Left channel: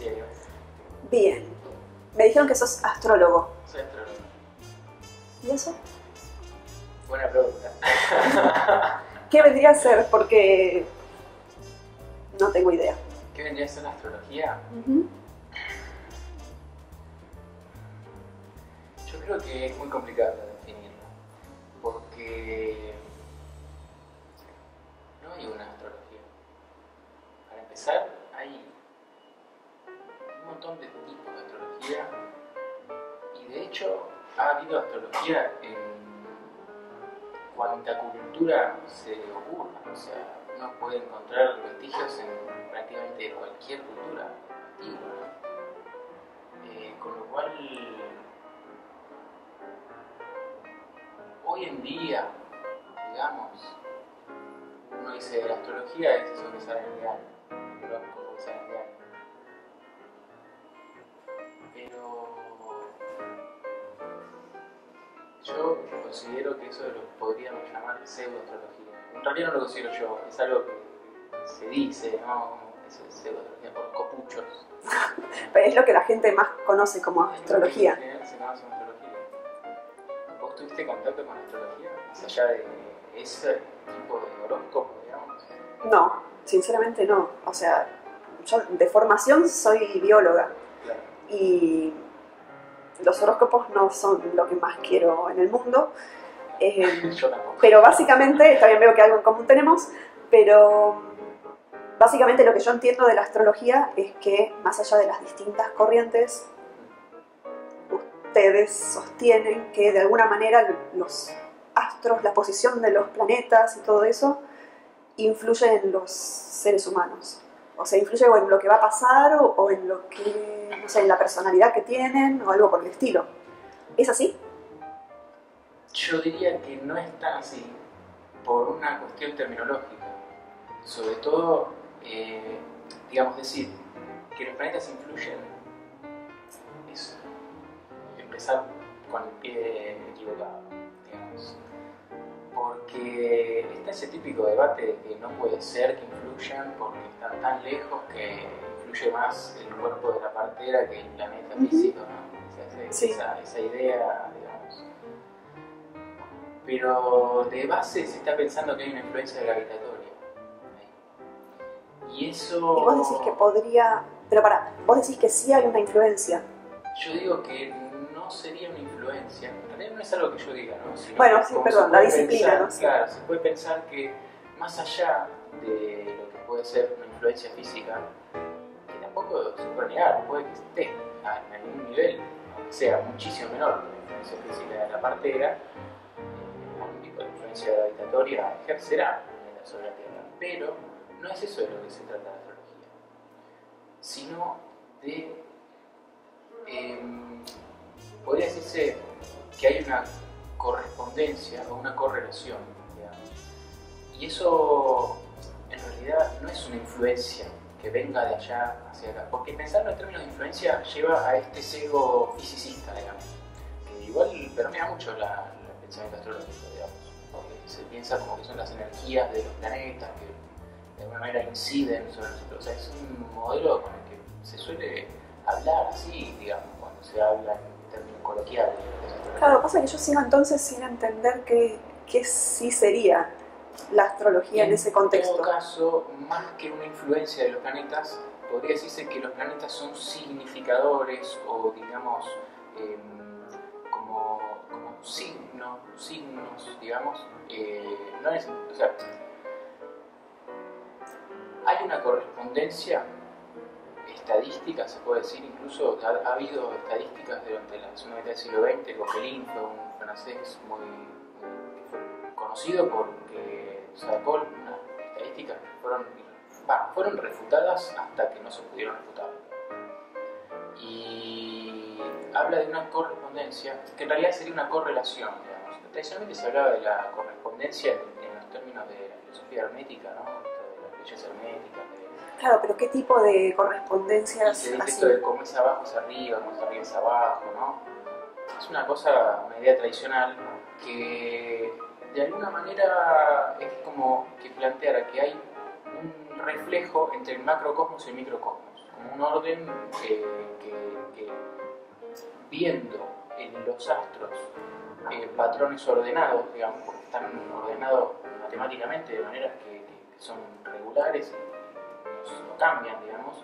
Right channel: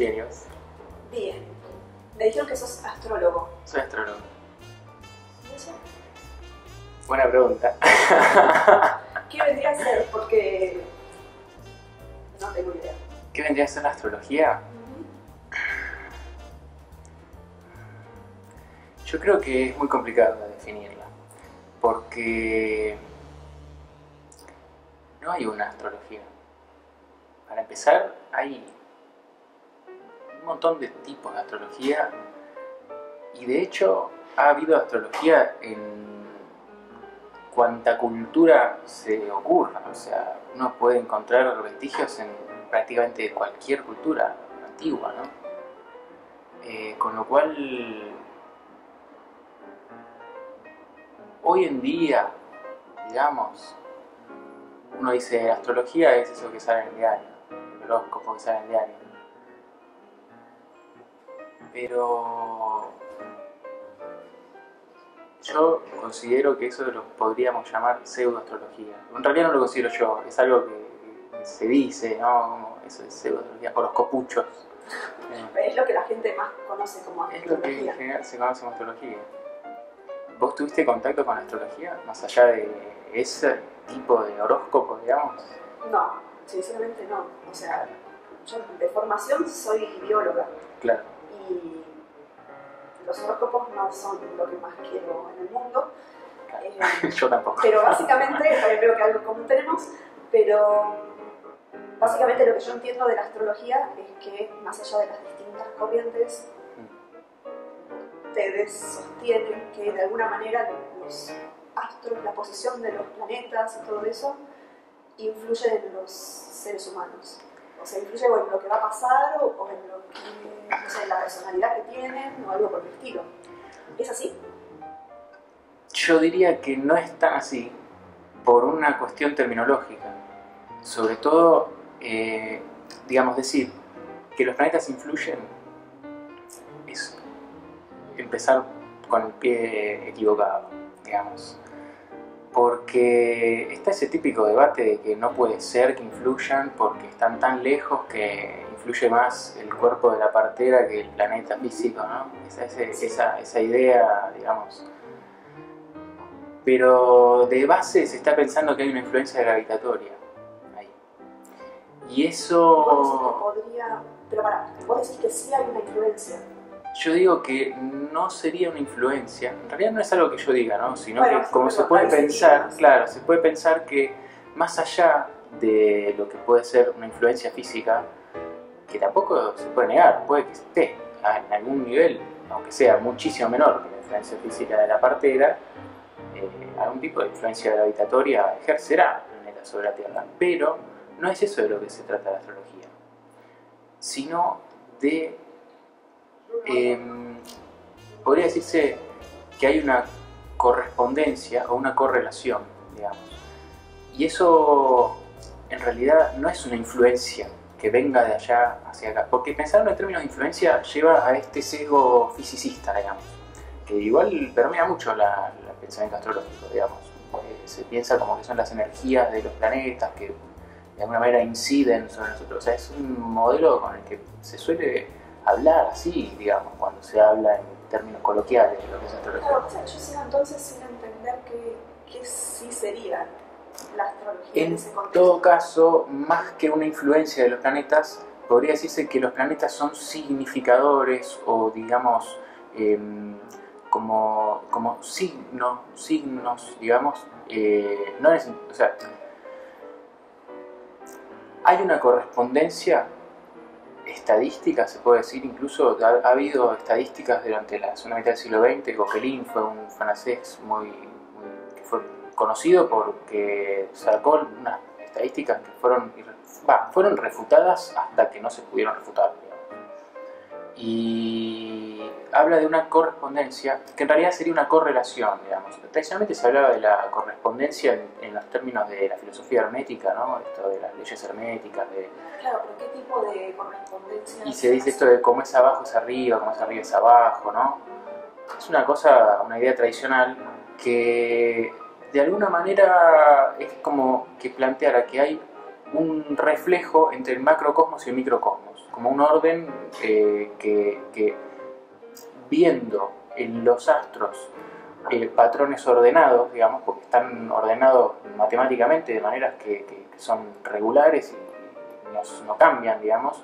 Bien, ¿y vos? Bien. Me dijeron que sos astrólogo. Soy astrólogo. ¿Y eso? Buena pregunta. ¿Qué vendría a ser? Porque no tengo idea. ¿Qué vendría a ser la astrología? Yo creo que es muy complicado de definirla, porque no hay una astrología. Para empezar, hay un montón de tipos de astrología y de hecho ha habido astrología en cuanta cultura se ocurra. O sea, uno puede encontrar vestigios en prácticamente cualquier cultura antigua, ¿no? Con lo cual, hoy en día, digamos, uno dice astrología es eso que sale en el diario, el horóscopo que sale en el diario. Pero yo considero que eso lo podríamos llamar pseudoastrología. En realidad no lo considero yo, es algo que se dice, ¿no? Como eso es pseudoastrología por los copuchos. Pero es lo que la gente más conoce como Es lo que en astrología. general se conoce como astrología. ¿Vos tuviste contacto con la astrología? Más allá de ese tipo de horóscopo, digamos. No, sinceramente no. O sea, yo de formación soy bióloga Claro. y los horóscopos no son lo que más quiero en el mundo. Yo tampoco. Pero básicamente, también veo que algo en común tenemos, pero básicamente lo que yo entiendo de la astrología es que más allá de las distintas corrientes, ustedes sostienen que de alguna manera los astros, la posición de los planetas y todo eso, influyen en los seres humanos. O sea, influye o en lo que va a pasar o en lo que, no sé, en la personalidad que tienen o algo por el estilo. ¿Es así? Yo diría que no es tan así, por una cuestión terminológica. Sobre todo, digamos, decir que los planetas influyen es empezar con el pie equivocado, digamos. Porque está ese típico debate de que no puede ser que influyan porque están tan lejos que influye más el cuerpo de la partera que el planeta físico, ¿no? Esa idea, digamos. Pero de base se está pensando que hay una influencia gravitatoria ahí. Y eso... Y vos decís que podría... Pero pará, vos decís que sí hay una influencia. Yo digo que no sería una influencia, en realidad no es algo que yo diga, ¿no? Sino bueno, que sí, como perdón, se puede la disciplina, pensar, ¿no? claro, se puede pensar que más allá de lo que puede ser una influencia física, que tampoco se puede negar, puede que esté en algún nivel, aunque sea muchísimo menor que la influencia física de la partera, algún tipo de influencia gravitatoria ejercerá sobre la Tierra, pero no es eso de lo que se trata la astrología, sino de... podría decirse que hay una correspondencia o una correlación, digamos. Y eso en realidad no es una influencia que venga de allá hacia acá, porque pensarlo en términos de influencia lleva a este sesgo fisicista, digamos, que igual permea mucho el pensamiento astrológico, digamos. Se piensa como que son las energías de los planetas que de alguna manera inciden sobre nosotros. O sea, es un modelo con el que se suele hablar así, digamos, cuando se habla en términos coloquiales de lo que es astrología. Claro, pasa que yo sigo entonces sin entender qué sí sería la astrología en ese contexto. En todo caso, más que una influencia de los planetas, podría decirse que los planetas son significadores o, digamos, como signos, digamos, no es, o sea, hay una correspondencia estadística, se puede decir, incluso ha habido estadísticas durante la segunda mitad del siglo XX. Coquelin fue un francés que fue conocido porque sacó unas estadísticas que fueron refutadas hasta que no se pudieron refutar. Y habla de una correspondencia, que en realidad sería una correlación, digamos. Tradicionalmente se hablaba de la correspondencia en los términos de la filosofía hermética, ¿no? Esto de las leyes herméticas. Claro, pero ¿qué tipo de correspondencia? Y se dice esto de cómo es abajo es arriba, cómo es arriba es abajo, ¿no? Es una idea tradicional que de alguna manera es como que planteara que hay un reflejo entre el macrocosmos y el microcosmos, como un orden que viendo en los astros patrones ordenados, digamos, porque están ordenados matemáticamente de maneras que son regulares y no cambian, digamos,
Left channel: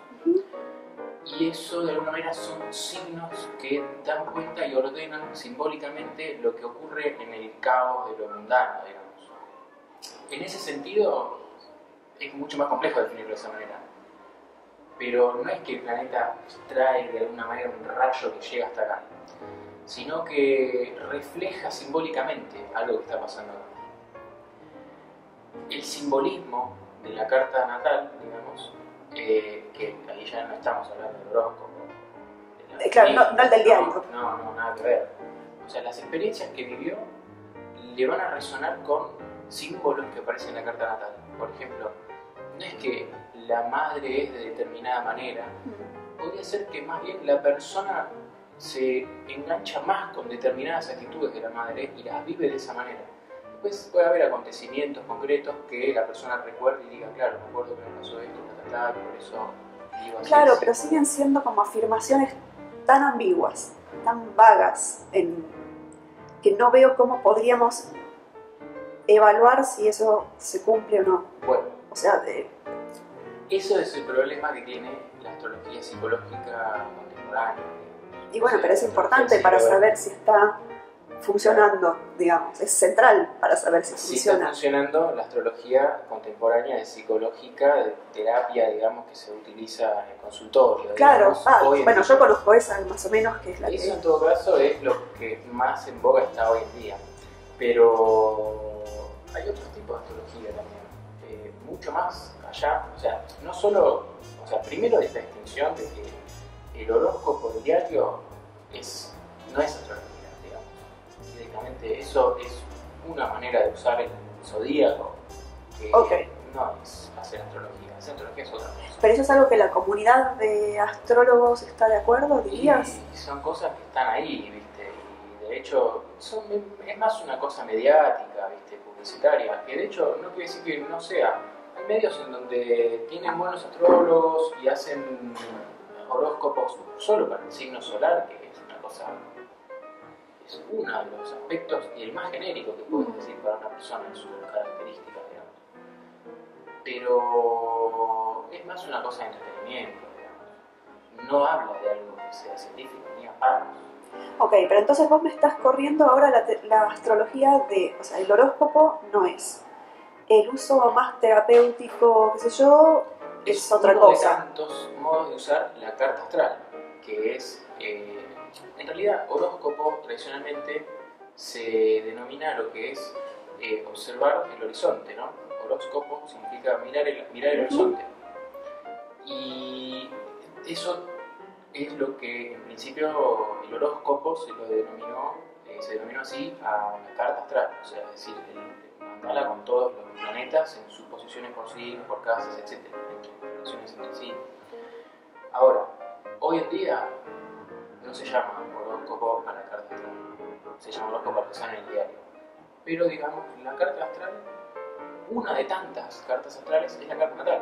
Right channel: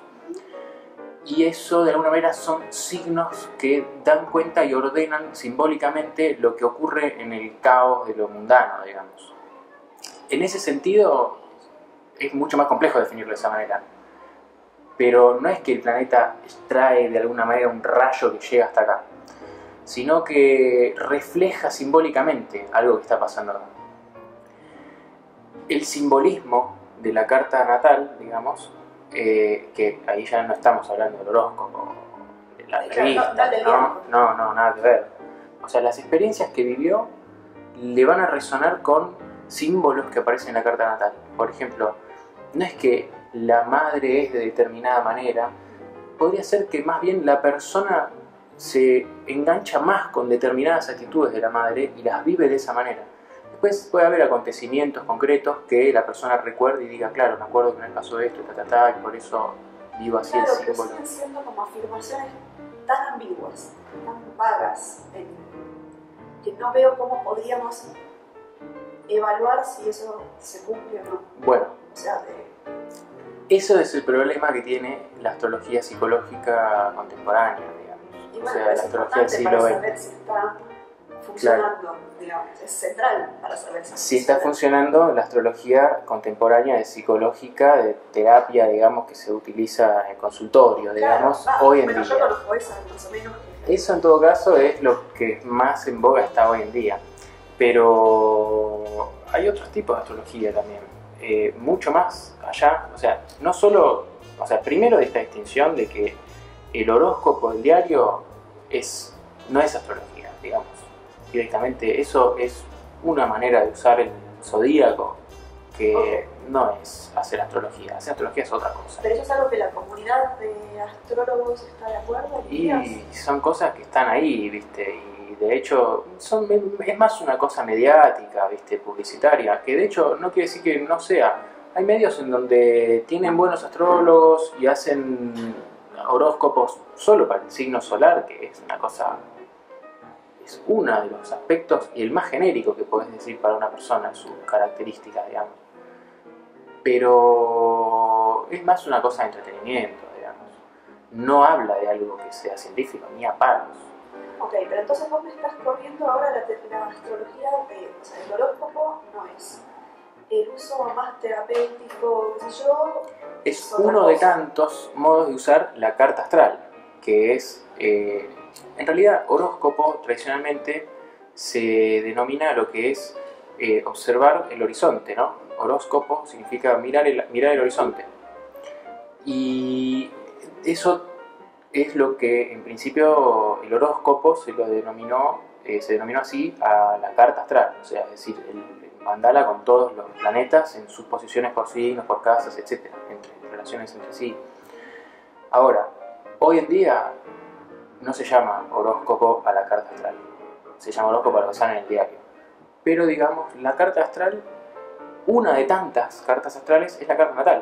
y eso de alguna manera son signos que dan cuenta y ordenan simbólicamente lo que ocurre en el caos de lo mundano, digamos. En ese sentido es mucho más complejo definirlo de esa manera, pero no es que el planeta trae de alguna manera un rayo que llega hasta acá, sino que refleja simbólicamente algo que está pasando acá. El simbolismo de la carta natal, digamos, que ahí ya no estamos hablando del horóscopo, claro, no el del viento. No, nada que ver. O sea, las experiencias que vivió le van a resonar con símbolos que aparecen en la carta natal. Por ejemplo, no es que la madre es de determinada manera, podría ser que más bien la persona se engancha más con determinadas actitudes de la madre y las vive de esa manera. Después puede haber acontecimientos concretos que la persona recuerde y diga, claro, me acuerdo que me pasó esto, y por eso vivo así. Claro, pero siguen siendo como afirmaciones tan ambiguas, tan vagas, que no veo cómo podríamos evaluar si eso se cumple o no. Bueno, o sea, eso es el problema que tiene la astrología psicológica contemporánea, digamos. Y bueno, pero es importante para saber si está funcionando, claro. Digamos, es central para saber si funciona. Si está funcionando la astrología contemporánea psicológica de terapia, digamos, que se utiliza en consultorio, digamos. Claro, bueno, yo conozco esa más o menos, que es la eso en todo caso es lo que más en boga está hoy en día, pero hay otros tipos de astrología también, mucho más allá, o sea, no solo, o sea, primero de esta distinción de que el horóscopo del diario no es astrología, digamos. Directamente, eso es una manera de usar el zodíaco que no es hacer astrología. Hacer astrología es otra cosa. Pero eso es algo que la comunidad de astrólogos está de acuerdo, dirías. Y son cosas que están ahí, ¿viste? Y de hecho es más una cosa mediática, ¿viste? Publicitaria, que de hecho no quiere decir que no sea. Hay medios en donde tienen buenos astrólogos y hacen horóscopos solo para el signo solar, que es una cosa... es uno de los aspectos y el más genérico que puedes decir para una persona en sus características, digamos. Pero es más una cosa de entretenimiento, digamos. No habla de algo que sea científico, ni a palos. Ok, pero entonces vos me estás corriendo ahora la astrología o sea, el horóscopo no es. El uso más terapéutico, qué sé yo, es otra uno cosa. de tantos modos de usar la carta astral, que es... en realidad, horóscopo tradicionalmente se denomina lo que es observar el horizonte, ¿no? Horóscopo significa mirar el horizonte. Y eso es lo que en principio el horóscopo se denominó así a la carta astral, o sea, es decir, el mandala con todos los planetas en sus posiciones por signos, por casas, etc., entre relaciones entre sí. Ahora, hoy en día no se llama horóscopo a la carta astral, se llama horóscopo a lo que sale en el diario. Pero digamos, la carta astral, una de tantas cartas astrales es la carta natal,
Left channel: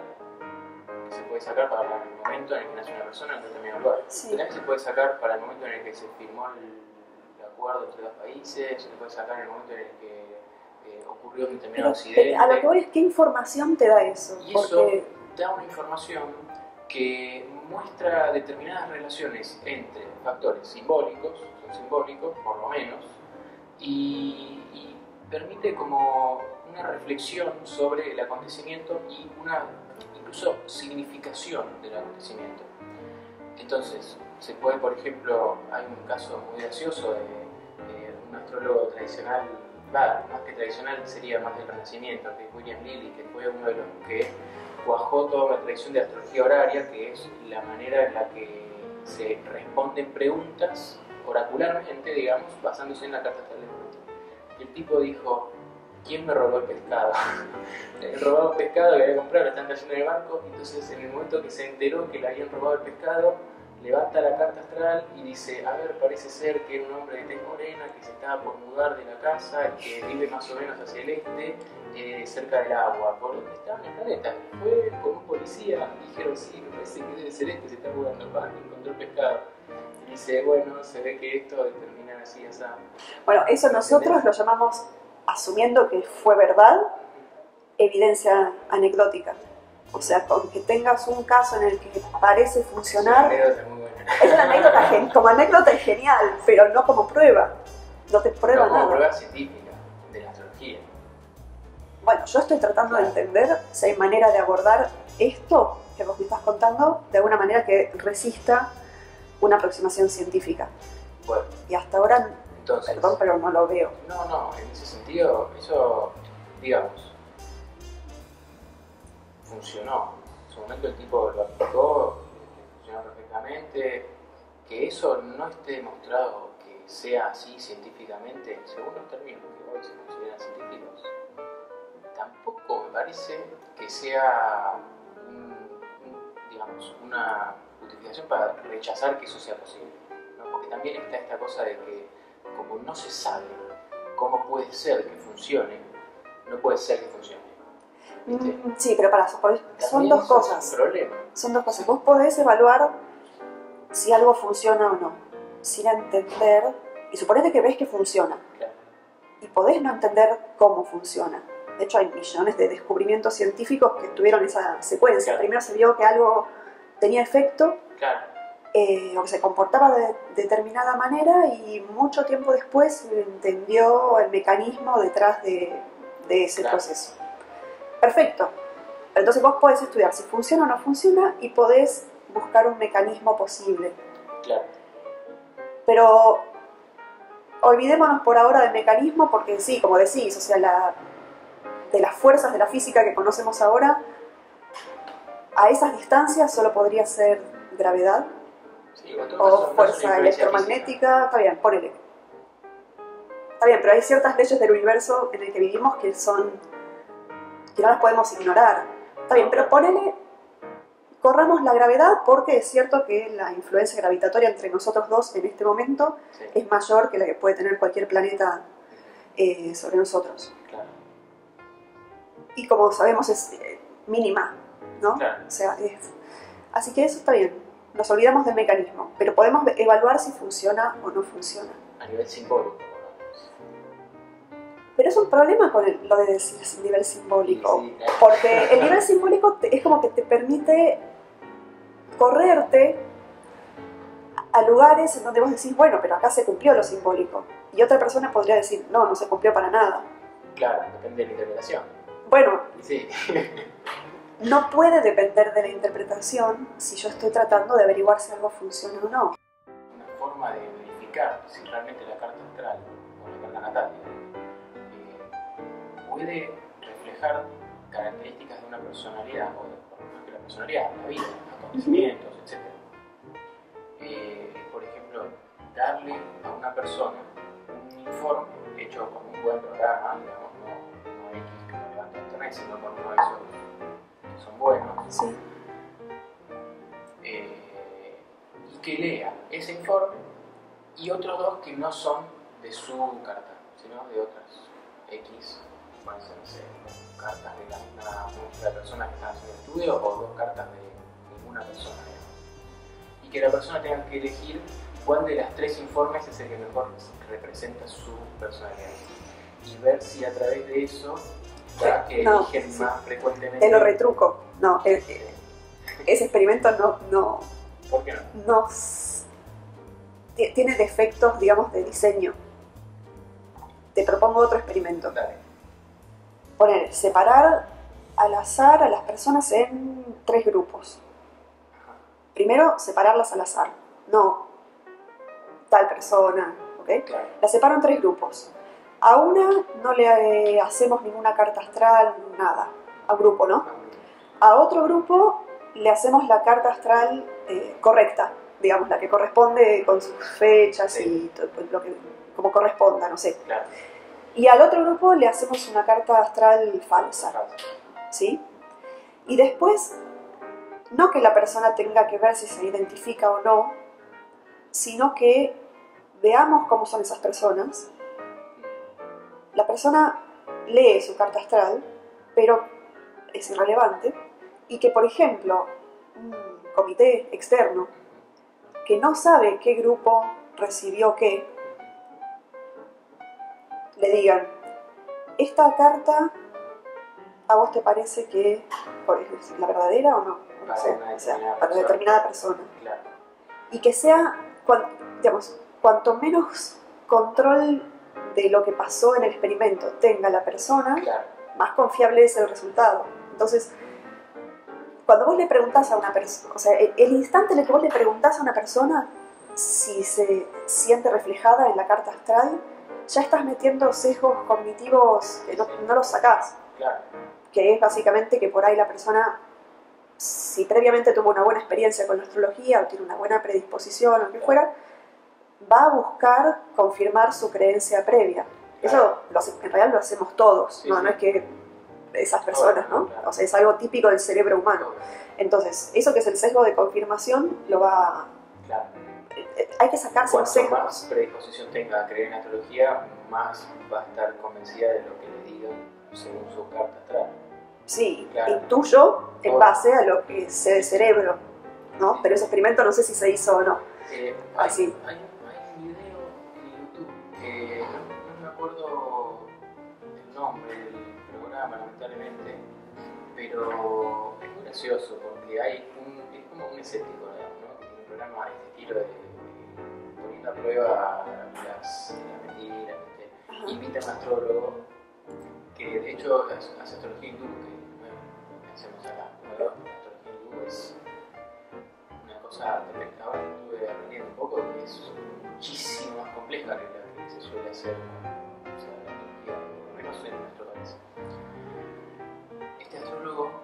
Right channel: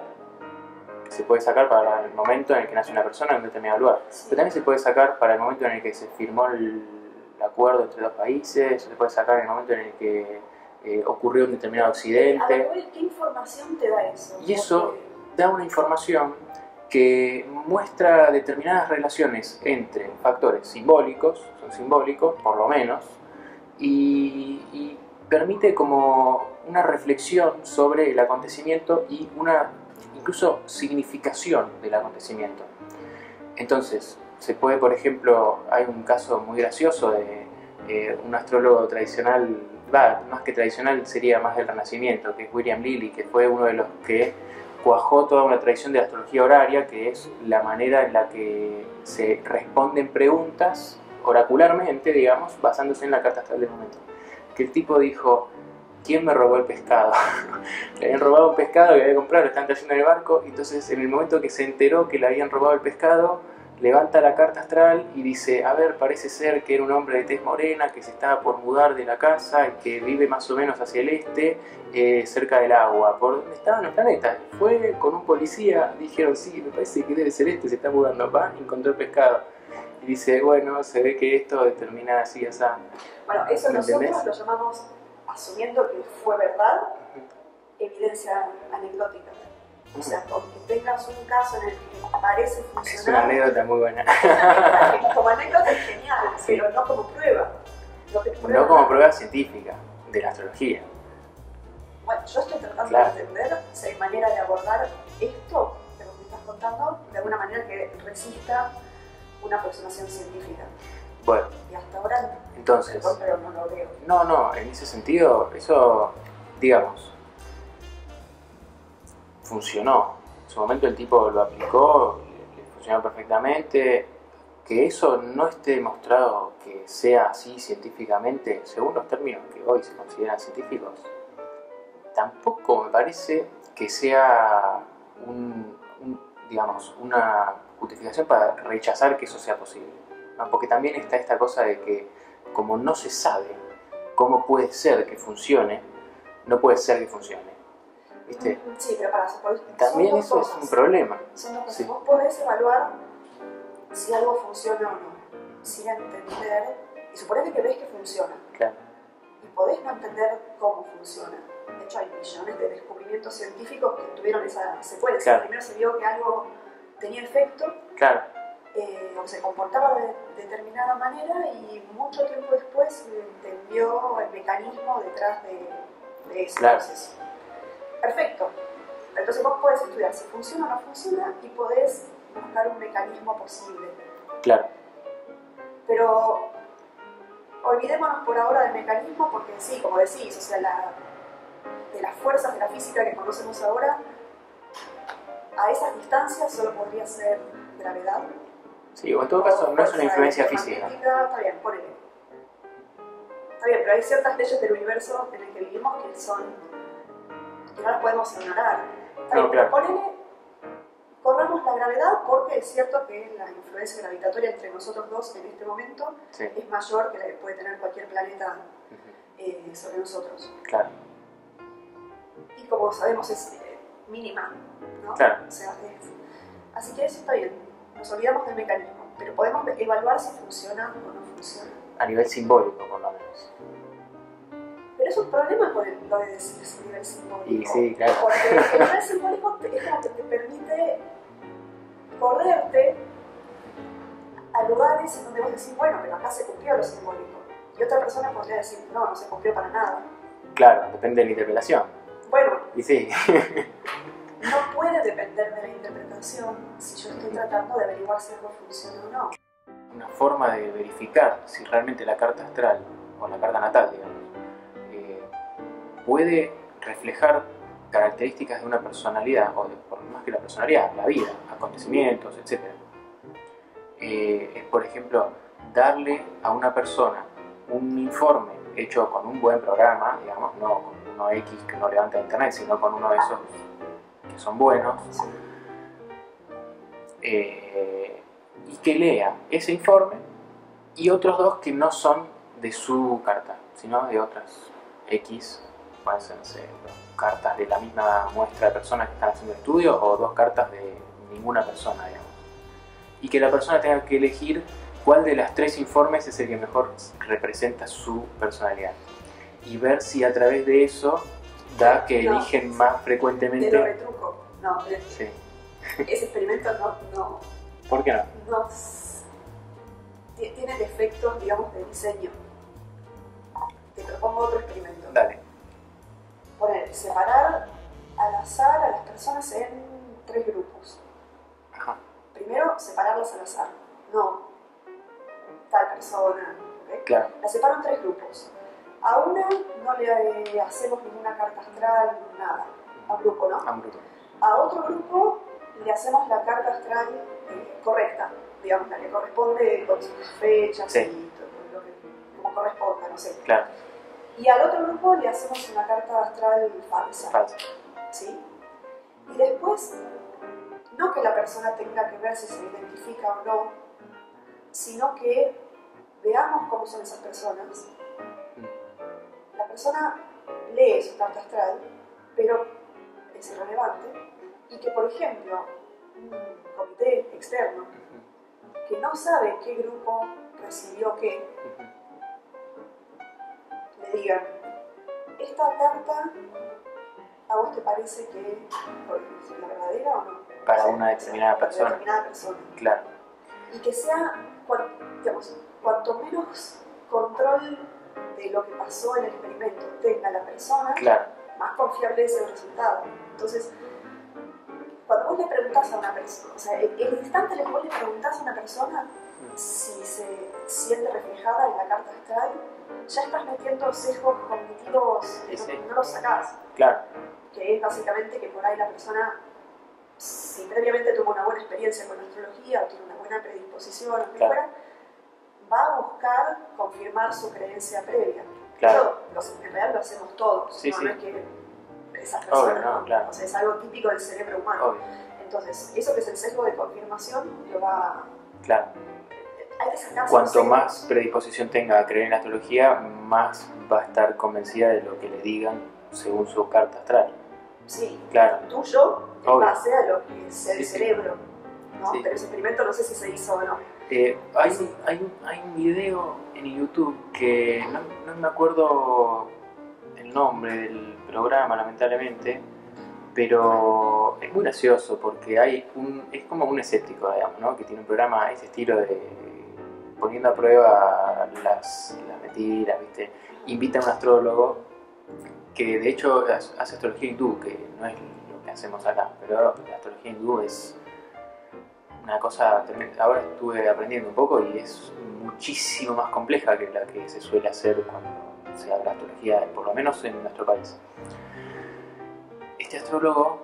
que se puede sacar para el momento en el que nace una persona en un determinado lugar. Sí. Pero también se puede sacar para el momento en el que se firmó el acuerdo entre dos países, se puede sacar en el momento en el que ocurrió un determinado accidente. A lo que voy es, ¿qué información te da eso? Y eso da una información que muestra determinadas relaciones entre factores simbólicos, son simbólicos por lo menos, y permite como una reflexión sobre el acontecimiento y una incluso significación del acontecimiento. Entonces, se puede, por ejemplo, hay un caso muy gracioso de un astrólogo tradicional, más que tradicional sería más del Renacimiento, que es William Lilly, que fue uno de los que cuajó toda una tradición de astrología horaria, que es la manera en la que se responden preguntas oracularmente, digamos, basándose en la carta astral del momento. Que el tipo dijo, ¿quién me robó el pescado? Le habían robado un pescado que había comprado, lo estaban trayendo en el barco, y entonces en el momento que se enteró que le habían robado el pescado, levanta la carta astral y dice, a ver, parece ser que era un hombre de tez morena que se estaba por mudar de la casa y que vive más o menos hacia el este, cerca del agua, por donde estaban los planetas. Fue con un policía, dijeron, sí, me parece que debe ser este, se está mudando, va, encontró el pescado. Y dice, bueno, se ve que esto determina así, así. Bueno, eso nosotros lo llamamos, asumiendo que fue verdad, evidencia anecdótica. O sea, con que tengas un caso en el que parece funcionar... Es una anécdota muy buena. Es una anécdota, como anécdota es genial, pero no como prueba. No te prueba no como nada. Prueba científica de la astrología. Bueno, yo estoy tratando de entender si hay manera de abordar esto que vos me estás contando de alguna manera que resista una aproximación científica. Bueno. Y hasta ahora, entonces, perdón, pero no lo veo. No, en ese sentido, eso, digamos, funcionó. En su momento el tipo lo aplicó, le funcionó perfectamente. Que eso no esté demostrado que sea así científicamente, según los términos que hoy se consideran científicos, tampoco me parece que sea digamos, una justificación para rechazar que eso sea posible, ¿no? Porque también está esta cosa de que como no se sabe cómo puede ser que funcione, no puede ser que funcione. ¿Viste? Sí, pero para son también dos eso cosas. es un problema. Son dos cosas. Sí. Vos podés evaluar si algo funciona o no, sin entender, y suponete que ves que funciona. Claro. Y podés no entender cómo funciona. De hecho, hay millones de descubrimientos científicos que tuvieron esa secuencia. Claro. Primero se vio que algo tenía efecto, Claro. o que se comportaba de determinada manera, y mucho tiempo después se entendió el mecanismo detrás de ese proceso. Perfecto. Entonces vos podés estudiar si funciona o no funciona y podés buscar un mecanismo posible. Claro. Pero olvidémonos por ahora del mecanismo porque sí, como decís, o sea, de las fuerzas de la física que conocemos ahora, a esas distancias solo podría ser gravedad. Sí, o en todo caso no es una influencia física. Está bien, ponele. Está bien, pero hay ciertas leyes del universo en el que vivimos que no las podemos ignorar. Está bien, pero ponele, corramos la gravedad porque es cierto que la influencia gravitatoria entre nosotros dos en este momento es mayor que la que puede tener cualquier planeta sobre nosotros. Claro. Y como sabemos es mínima, ¿no? Claro. O sea, así que eso está bien. Nos olvidamos del mecanismo, pero podemos evaluar si funciona o no funciona. A nivel simbólico, por lo menos. Pero es un problema con lo de ese nivel simbólico. Sí, claro. Porque el nivel simbólico es como que te permite correrte a lugares en donde vos decís, bueno, pero acá se cumplió lo simbólico. Y otra persona podría decir, no, no se cumplió para nada. Claro, depende de la interpretación. Bueno, y sí. No puede depender de la interpretación si yo estoy tratando de averiguar si algo funciona o no. Una forma de verificar si realmente la carta astral o la carta natal, digamos, puede reflejar características de una personalidad, o por más que la personalidad, la vida, acontecimientos, etc. Por ejemplo, darle a una persona un informe hecho con un buen programa, digamos, no X que no levanta internet, sino con uno de esos que son buenos, Sí. Y que lea ese informe y otros dos que no son de su carta, sino de otras X, pueden ser, no sé, cartas de la misma muestra de personas que están haciendo el estudio o dos cartas de ninguna persona, digamos. Y que la persona tenga que elegir cuál de las tres informes es el que mejor representa su personalidad. Y ver si a través de eso da que eligen más frecuentemente. Te lo retruco. No, Sí. ese experimento no. ¿Por qué no? No. Tiene defectos, digamos, de diseño. Te propongo otro experimento. Dale. Poner, separar al azar a las personas en 3 grupos. Ajá. Primero, separarlas al azar. No tal persona, ¿ok? Claro. La separo en 3 grupos. A una no le hacemos ninguna carta astral, nada. A un grupo, ¿no? A un grupo. A otro grupo le hacemos la carta astral correcta, digamos, la que corresponde con sus fechas Sí. y todo lo que como corresponda, no sé. Claro. Y al otro grupo le hacemos una carta astral falsa, Falso. ¿sí? Y después no que la persona tenga que ver si se identifica o no, sino que veamos cómo son esas personas. La persona lee su carta astral, pero es irrelevante, y que, por ejemplo, un comité externo que no sabe qué grupo recibió qué, le digan, esta carta ¿a vos te parece que es la verdadera o no? Para o sea, una determinada para persona. determinada persona. Claro. Y que sea, digamos, cuanto menos control de lo que pasó en el experimento tenga la persona, Claro. más confiable es el resultado. Entonces, cuando vos le preguntás a una persona, o sea, el instante en el que vos le preguntás a una persona si se siente reflejada en la carta astral, ya estás metiendo sesgos cognitivos que no los sacás. Claro. Que es básicamente que por ahí la persona, si previamente tuvo una buena experiencia con la astrología o tiene una buena predisposición o lo que Claro. fuera, va a buscar confirmar su creencia previa. Claro. Eso en realidad lo hacemos todos, Sí, no, sí. no es que esas personas, no, ¿no? claro. O sea, es algo típico del cerebro humano. Obvio. Entonces, eso que es el sesgo de confirmación, lo va... Claro. Hay que sacarse los Cuanto sesgos. más predisposición tenga a creer en la astrología, más va a estar convencida de lo que le digan según su carta astral. Sí, Claro. intuyo en Obvio. base a lo que sé del Sí, sí. cerebro, ¿no? Sí. Pero ese experimento no sé si se hizo o no. Sí. Hay un video en YouTube que no me acuerdo el nombre del programa, lamentablemente, pero es muy gracioso porque es como un escéptico, digamos, ¿no? Que tiene un programa ese estilo de poniendo a prueba las mentiras, ¿viste? Invita a un astrólogo que de hecho hace astrología hindú, que no es lo que hacemos acá, pero la astrología hindú es una cosa tremenda. Ahora estuve aprendiendo un poco y es muchísimo más compleja que la que se suele hacer cuando se habla de astrología, por lo menos en nuestro país. Este astrólogo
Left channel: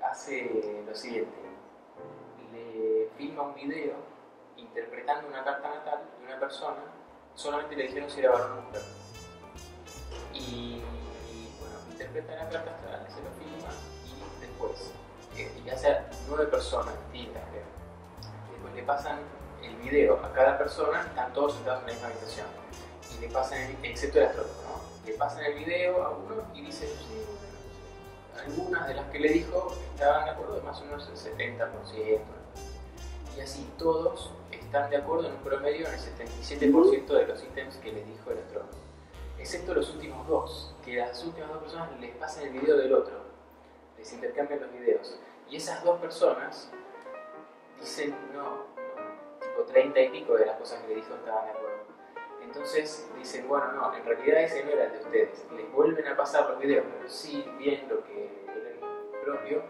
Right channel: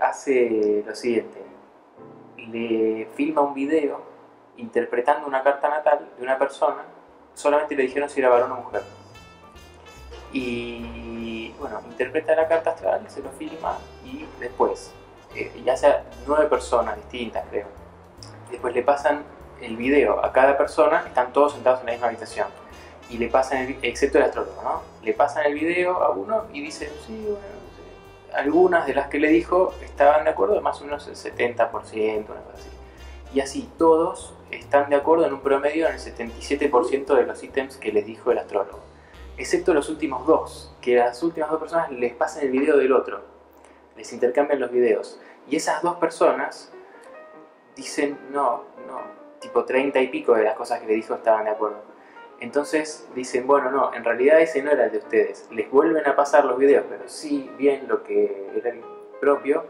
hace lo siguiente: le filma un video interpretando una carta natal de una persona, solamente le dijeron si era varón o mujer. Y bueno, interpreta la carta astral, se lo filma y después, ya sea 9 personas distintas, creo. Y después le pasan el video a cada persona, están todos sentados en la misma habitación. Y le pasan, excepto el astrólogo, ¿no? Le pasan el video a uno y dice, sí, bueno, no sé. Algunas de las que le dijo estaban de acuerdo, más o menos el 70%, una cosa así. Y así todos están de acuerdo en un promedio en el 77% de los ítems que les dijo el astrólogo. Excepto los últimos dos, que las últimas 2 personas les pasan el video del otro, les intercambian los videos. Y esas 2 personas dicen, no, tipo 30 y pico de las cosas que le dijo estaban de acuerdo. Entonces dicen, bueno, no, en realidad ese no era el de ustedes. Les vuelven a pasar los videos, pero sí bien lo que era el propio.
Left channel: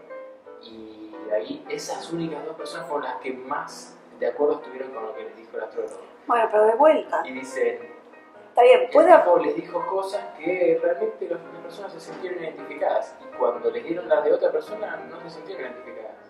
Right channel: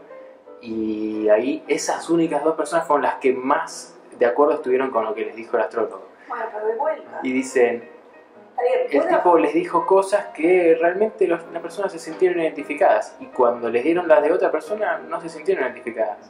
Y ahí esas únicas 2 personas fueron las que más de acuerdo estuvieron con lo que les dijo el astrólogo. Bueno, pero de vuelta. Y dicen, Está bien, el puede... tipo les dijo cosas que realmente las personas se sintieron identificadas. Y cuando les dieron las de otra persona, no se sintieron identificadas.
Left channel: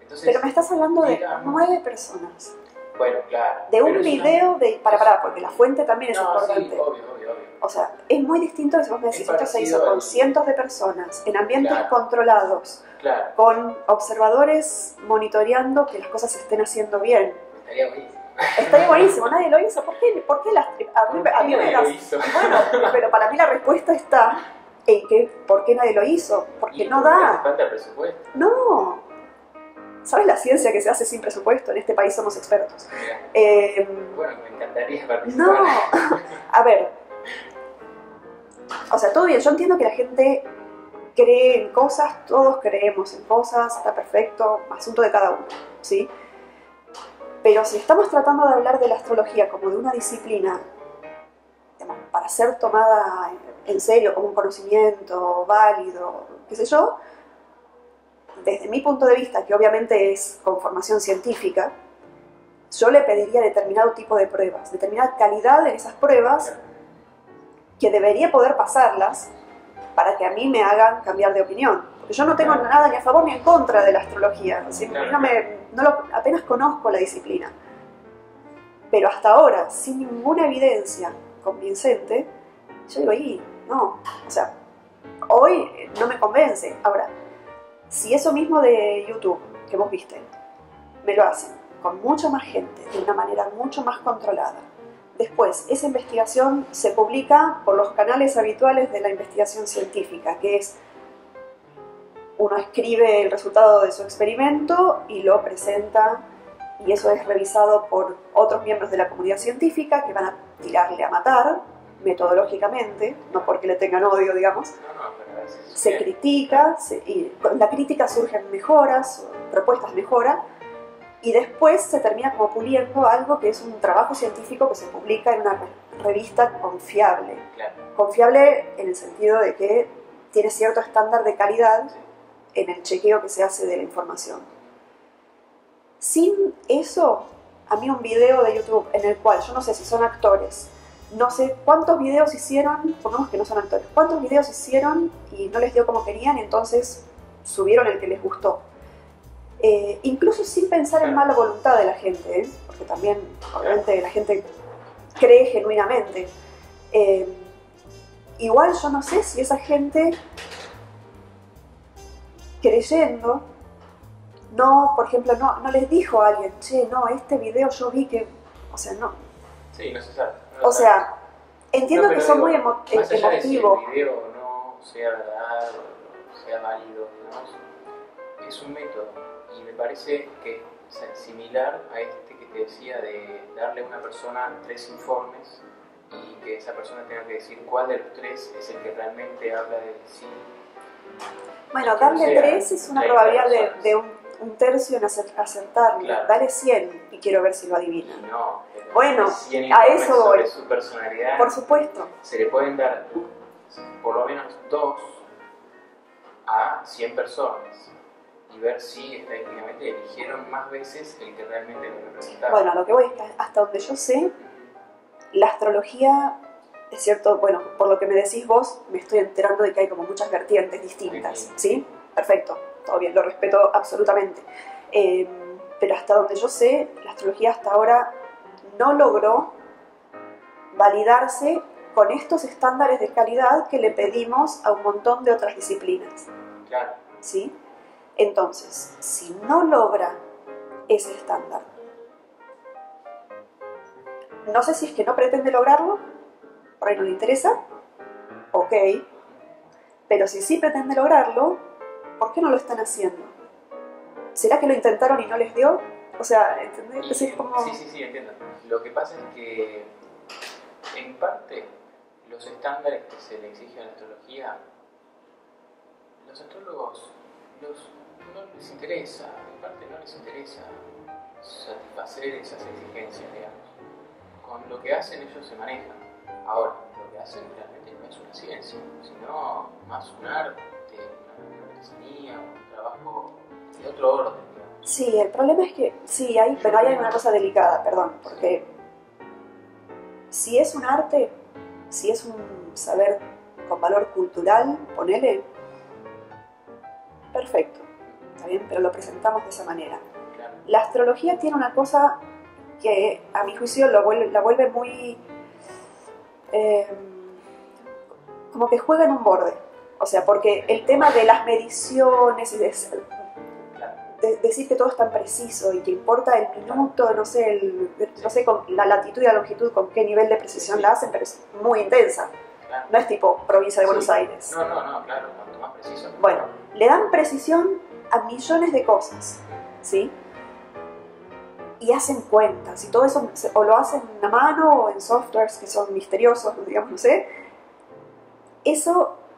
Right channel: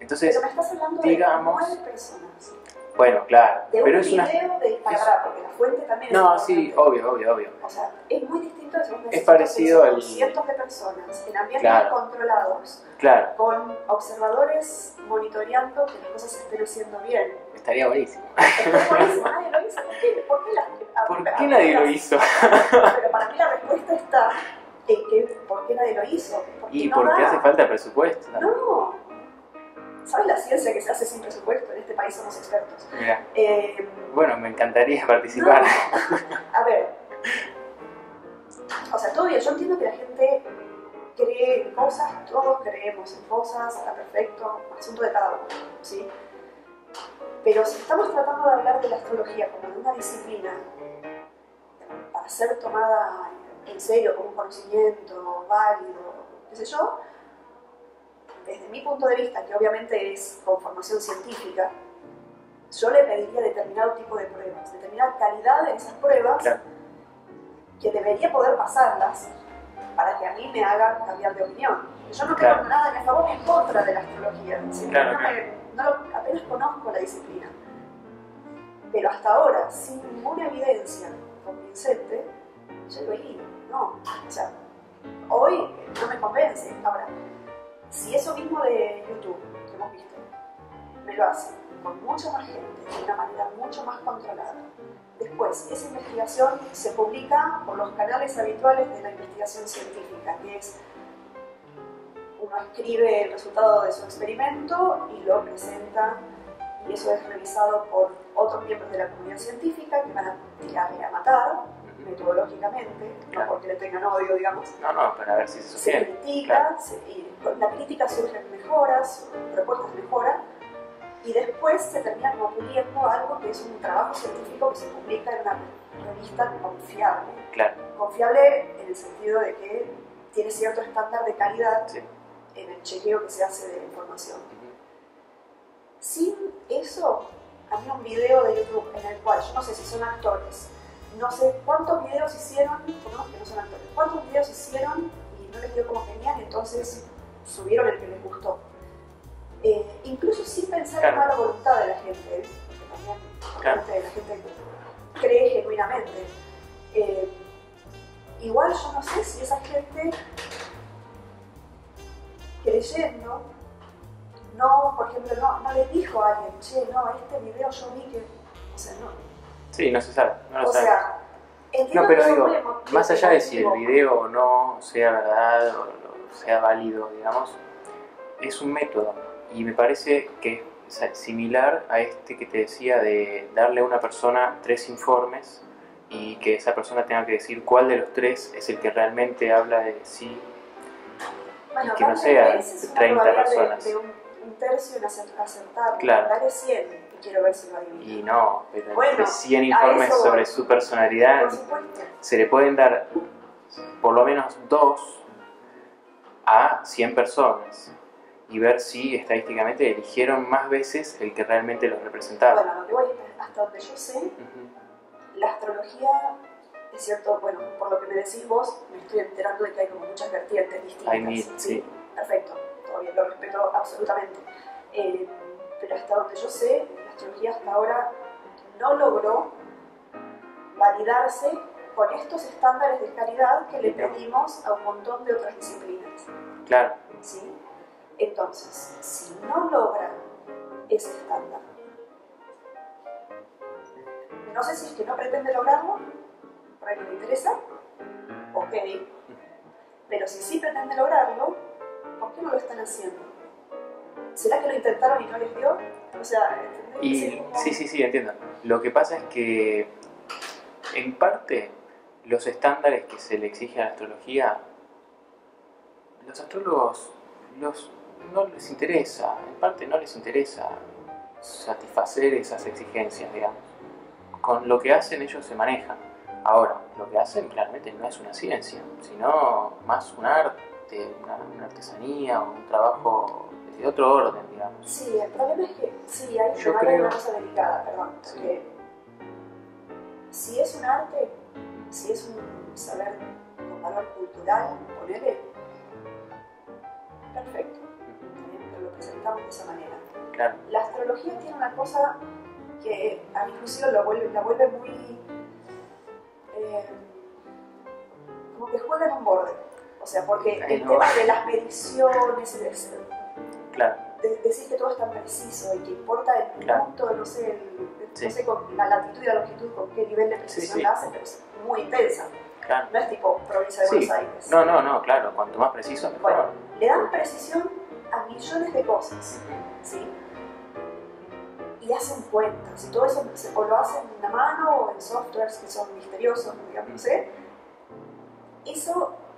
Entonces, Pero me estás hablando digamos, de 9 personas. bueno, claro. De pero un es una- video de... Para, porque la fuente también es No, importante. sí, obvio. O sea, es muy distinto de si vos me decís Es esto se parecido hizo con al- cientos de personas, en ambientes Claro. controlados, Claro, con observadores monitoreando que las cosas se estén haciendo bien. estaría buenísimo. Está buenísimo, nadie lo hizo. ¿Por qué las... ¿Por qué nadie lo hizo? Pero para mí la respuesta está en que ¿por qué nadie lo hizo? Porque Y no porque hace da. falta presupuesto. No. ¿Sabes la ciencia que se hace sin presupuesto? En este país somos expertos. Mirá, Eh, bueno, me encantaría no. participar. A ver. O sea, todo bien. Yo entiendo que la gente cree en cosas, todos creemos en cosas, está perfecto, asunto de cada uno, ¿sí? Pero si estamos tratando de hablar de la astrología como de una disciplina, digamos, para ser tomada en serio como un conocimiento válido, qué sé yo, desde mi punto de vista, que obviamente es con formación científica, yo le pediría determinado tipo de pruebas, determinada calidad en esas pruebas, Claro. que debería poder pasarlas para que a mí me hagan cambiar de opinión. Yo no tengo Claro. nada ni a favor ni en contra de la astrología, ¿sí? Claro, Apenas conozco la disciplina. Pero hasta ahora, sin ninguna evidencia convincente, yo digo, no, o sea, hoy no me convence. Ahora, Si eso mismo de YouTube que vos viste, me lo hacen con mucha más gente, de una manera mucho más controlada. Después, esa investigación se publica por los canales habituales de la investigación científica, que es, uno escribe el resultado de su experimento y lo presenta, y eso es revisado por otros miembros de la comunidad científica que van a tirarle a matar, metodológicamente, no porque le tengan odio, digamos. No, pero a ver si se critica, y con la crítica surgen mejoras, propuestas de mejora, y después se termina como puliendo algo que es un trabajo científico que se publica en una revista confiable. Claro. Confiable en el sentido de que tiene cierto estándar de calidad, sí, en el chequeo que se hace de la información. Sin eso, a mí un video de YouTube en el cual, yo no sé si son actores, no sé cuántos videos hicieron, pongamos que no son actores, cuántos videos hicieron y no les dio como querían, entonces subieron el que les gustó. Incluso sin pensar en mala voluntad de la gente, porque también obviamente la gente cree genuinamente. Igual yo no sé si esa gente creyendo, no, por ejemplo, no les dijo a alguien, che, no, este video yo vi que, o sea, no. Sí, no se sabe. No o sea, entiendo que son muy emotivos. Más allá de si el video o no sea verdad o sea válido, digamos, es un método. Y me parece que es similar a este que te decía de darle a una persona 3 informes y que esa persona tenga que decir cuál de los 3 es el que realmente habla de sí. Bueno, darle 3 es una probabilidad de un tercio en acertar. Claro. Dale 100 y quiero ver si lo adivina. Y no, pero bueno, 100 informes sobre su personalidad. Por supuesto. Se le pueden dar por lo menos 2 a 100 personas. Y ver si estadísticamente eligieron más veces el que realmente los representaba. Bueno, lo que voy, hasta donde yo sé, la astrología, es cierto, bueno, por lo que me decís vos, me estoy enterando de que hay como muchas vertientes distintas. ¿Sí? Perfecto, todo bien, lo respeto absolutamente. Pero hasta donde yo sé, la astrología hasta ahora no logró validarse con estos estándares de calidad que le pedimos a un montón de otras disciplinas. Claro. ¿Sí? Entonces, si no logra ese estándar, no sé si es que no pretende lograrlo, por ahí no le interesa, ok, pero si sí pretende lograrlo, ¿por qué no lo están haciendo? ¿Será que lo intentaron y no les dio? O sea, ¿entendés? Sí, entiendo. Lo que pasa es que, en parte, los estándares que se le exige a la astrología, los astrólogos no les interesa, en parte no les interesa satisfacer esas exigencias, digamos. Con lo que hacen ellos se manejan. Ahora, lo que hacen realmente no es una ciencia, sino más un arte, una artesanía, un trabajo de otro orden, digamos. Sí, el problema es que, sí, pero hay una cosa delicada, perdón, porque si es un arte, si es un saber con valor cultural, ponele, perfecto. Bien, pero lo presentamos de esa manera. Claro. La astrología tiene una cosa que a mi juicio la vuelve muy como que juega en un borde, o sea, porque el tema de las mediciones de decir que todo es tan preciso y que importa el minuto, no sé, no sé con la latitud y la longitud con qué nivel de precisión la hacen, pero es muy intensa. Claro. No es tipo provincia de Buenos Aires. No, claro, cuanto más preciso mejor. Bueno, le dan precisión a millones de cosas, ¿sí? Y hacen cuentas, y todo eso o lo hacen a mano o en softwares que son misteriosos, digamos, no sé.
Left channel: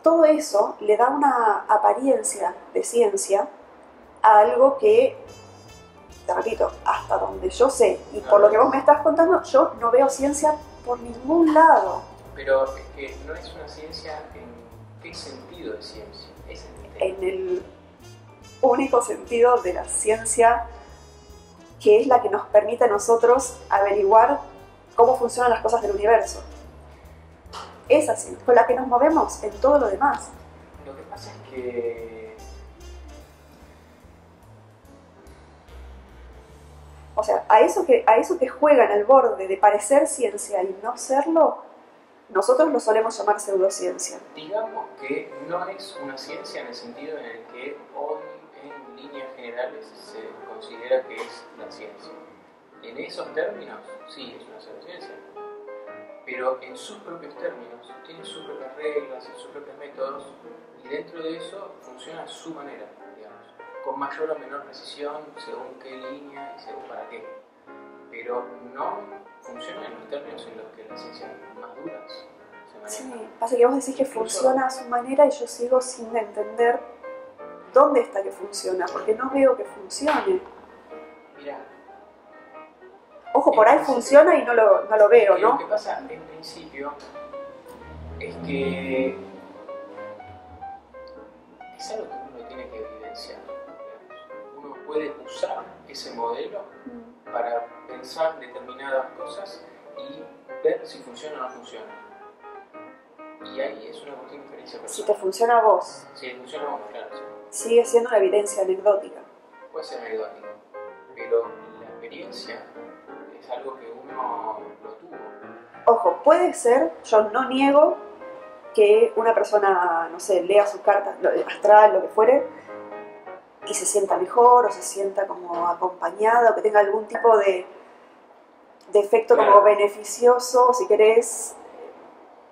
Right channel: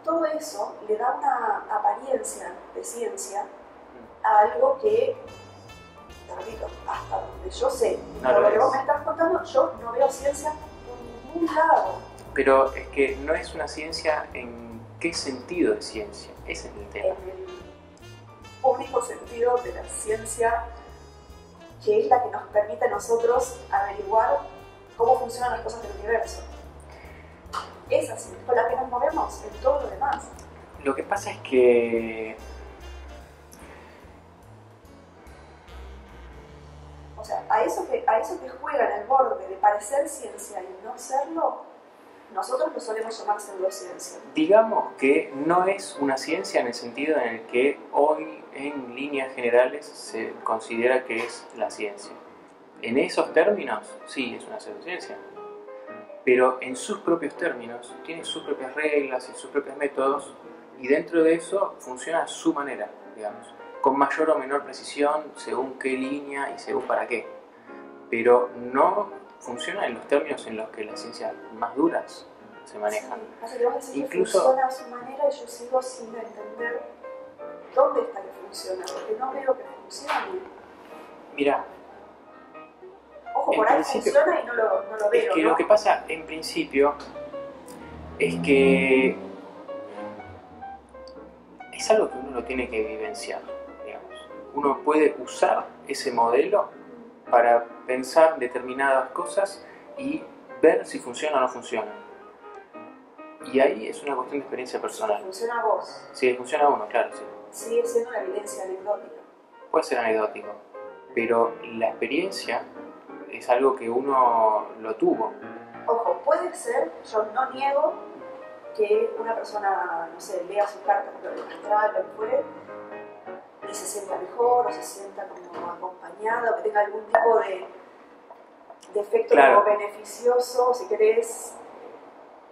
Todo eso le da una apariencia de ciencia a algo que, te repito, hasta donde yo sé, y por lo que vos me estás contando, yo no veo ciencia por ningún lado. Pero es que no es una ciencia en qué sentido de ciencia, ese es el tema. En el único sentido de la ciencia que es la que nos permite a nosotros averiguar cómo funcionan las cosas del universo. Es así, con la que nos movemos en todo lo demás. Lo que pasa es que... O sea, a eso que juega en el borde de parecer ciencia y no serlo, nosotros lo solemos llamar pseudociencia. Digamos que no es una ciencia en el sentido en el que hoy en líneas generales se considera que es la ciencia. En esos términos, sí, es una pseudociencia, pero en sus propios términos, tiene sus propias reglas y sus propios métodos, y dentro de eso funciona a su manera, digamos, con mayor o menor precisión, según qué línea y según para qué. Pero no funciona en los términos en los que las ciencias más duras se manejan. Sí, pasa que vos decís que Incluso, funciona a su manera y yo sigo sin entender dónde está que funciona, porque no veo que funcione. mira, Ojo, en por ahí principio, funciona y no lo veo, es que ¿no? lo que pasa en principio es que es algo que uno lo tiene que vivenciar, digamos. Uno puede usar ese modelo para pensar determinadas cosas y ver si funciona o no funciona. Y ahí es una cuestión de experiencia Si te personal. funciona a vos, Si le funciona a uno, claro, sí. sigue siendo una evidencia anecdótica. Puede ser anecdótico, pero la experiencia es algo que uno lo tuvo. Ojo, puede ser, yo no niego que una persona, no sé, lea su carta astral, lo que fuere, y se sienta mejor o se sienta como acompañada o que tenga algún tipo de efecto Claro. como beneficioso, si querés,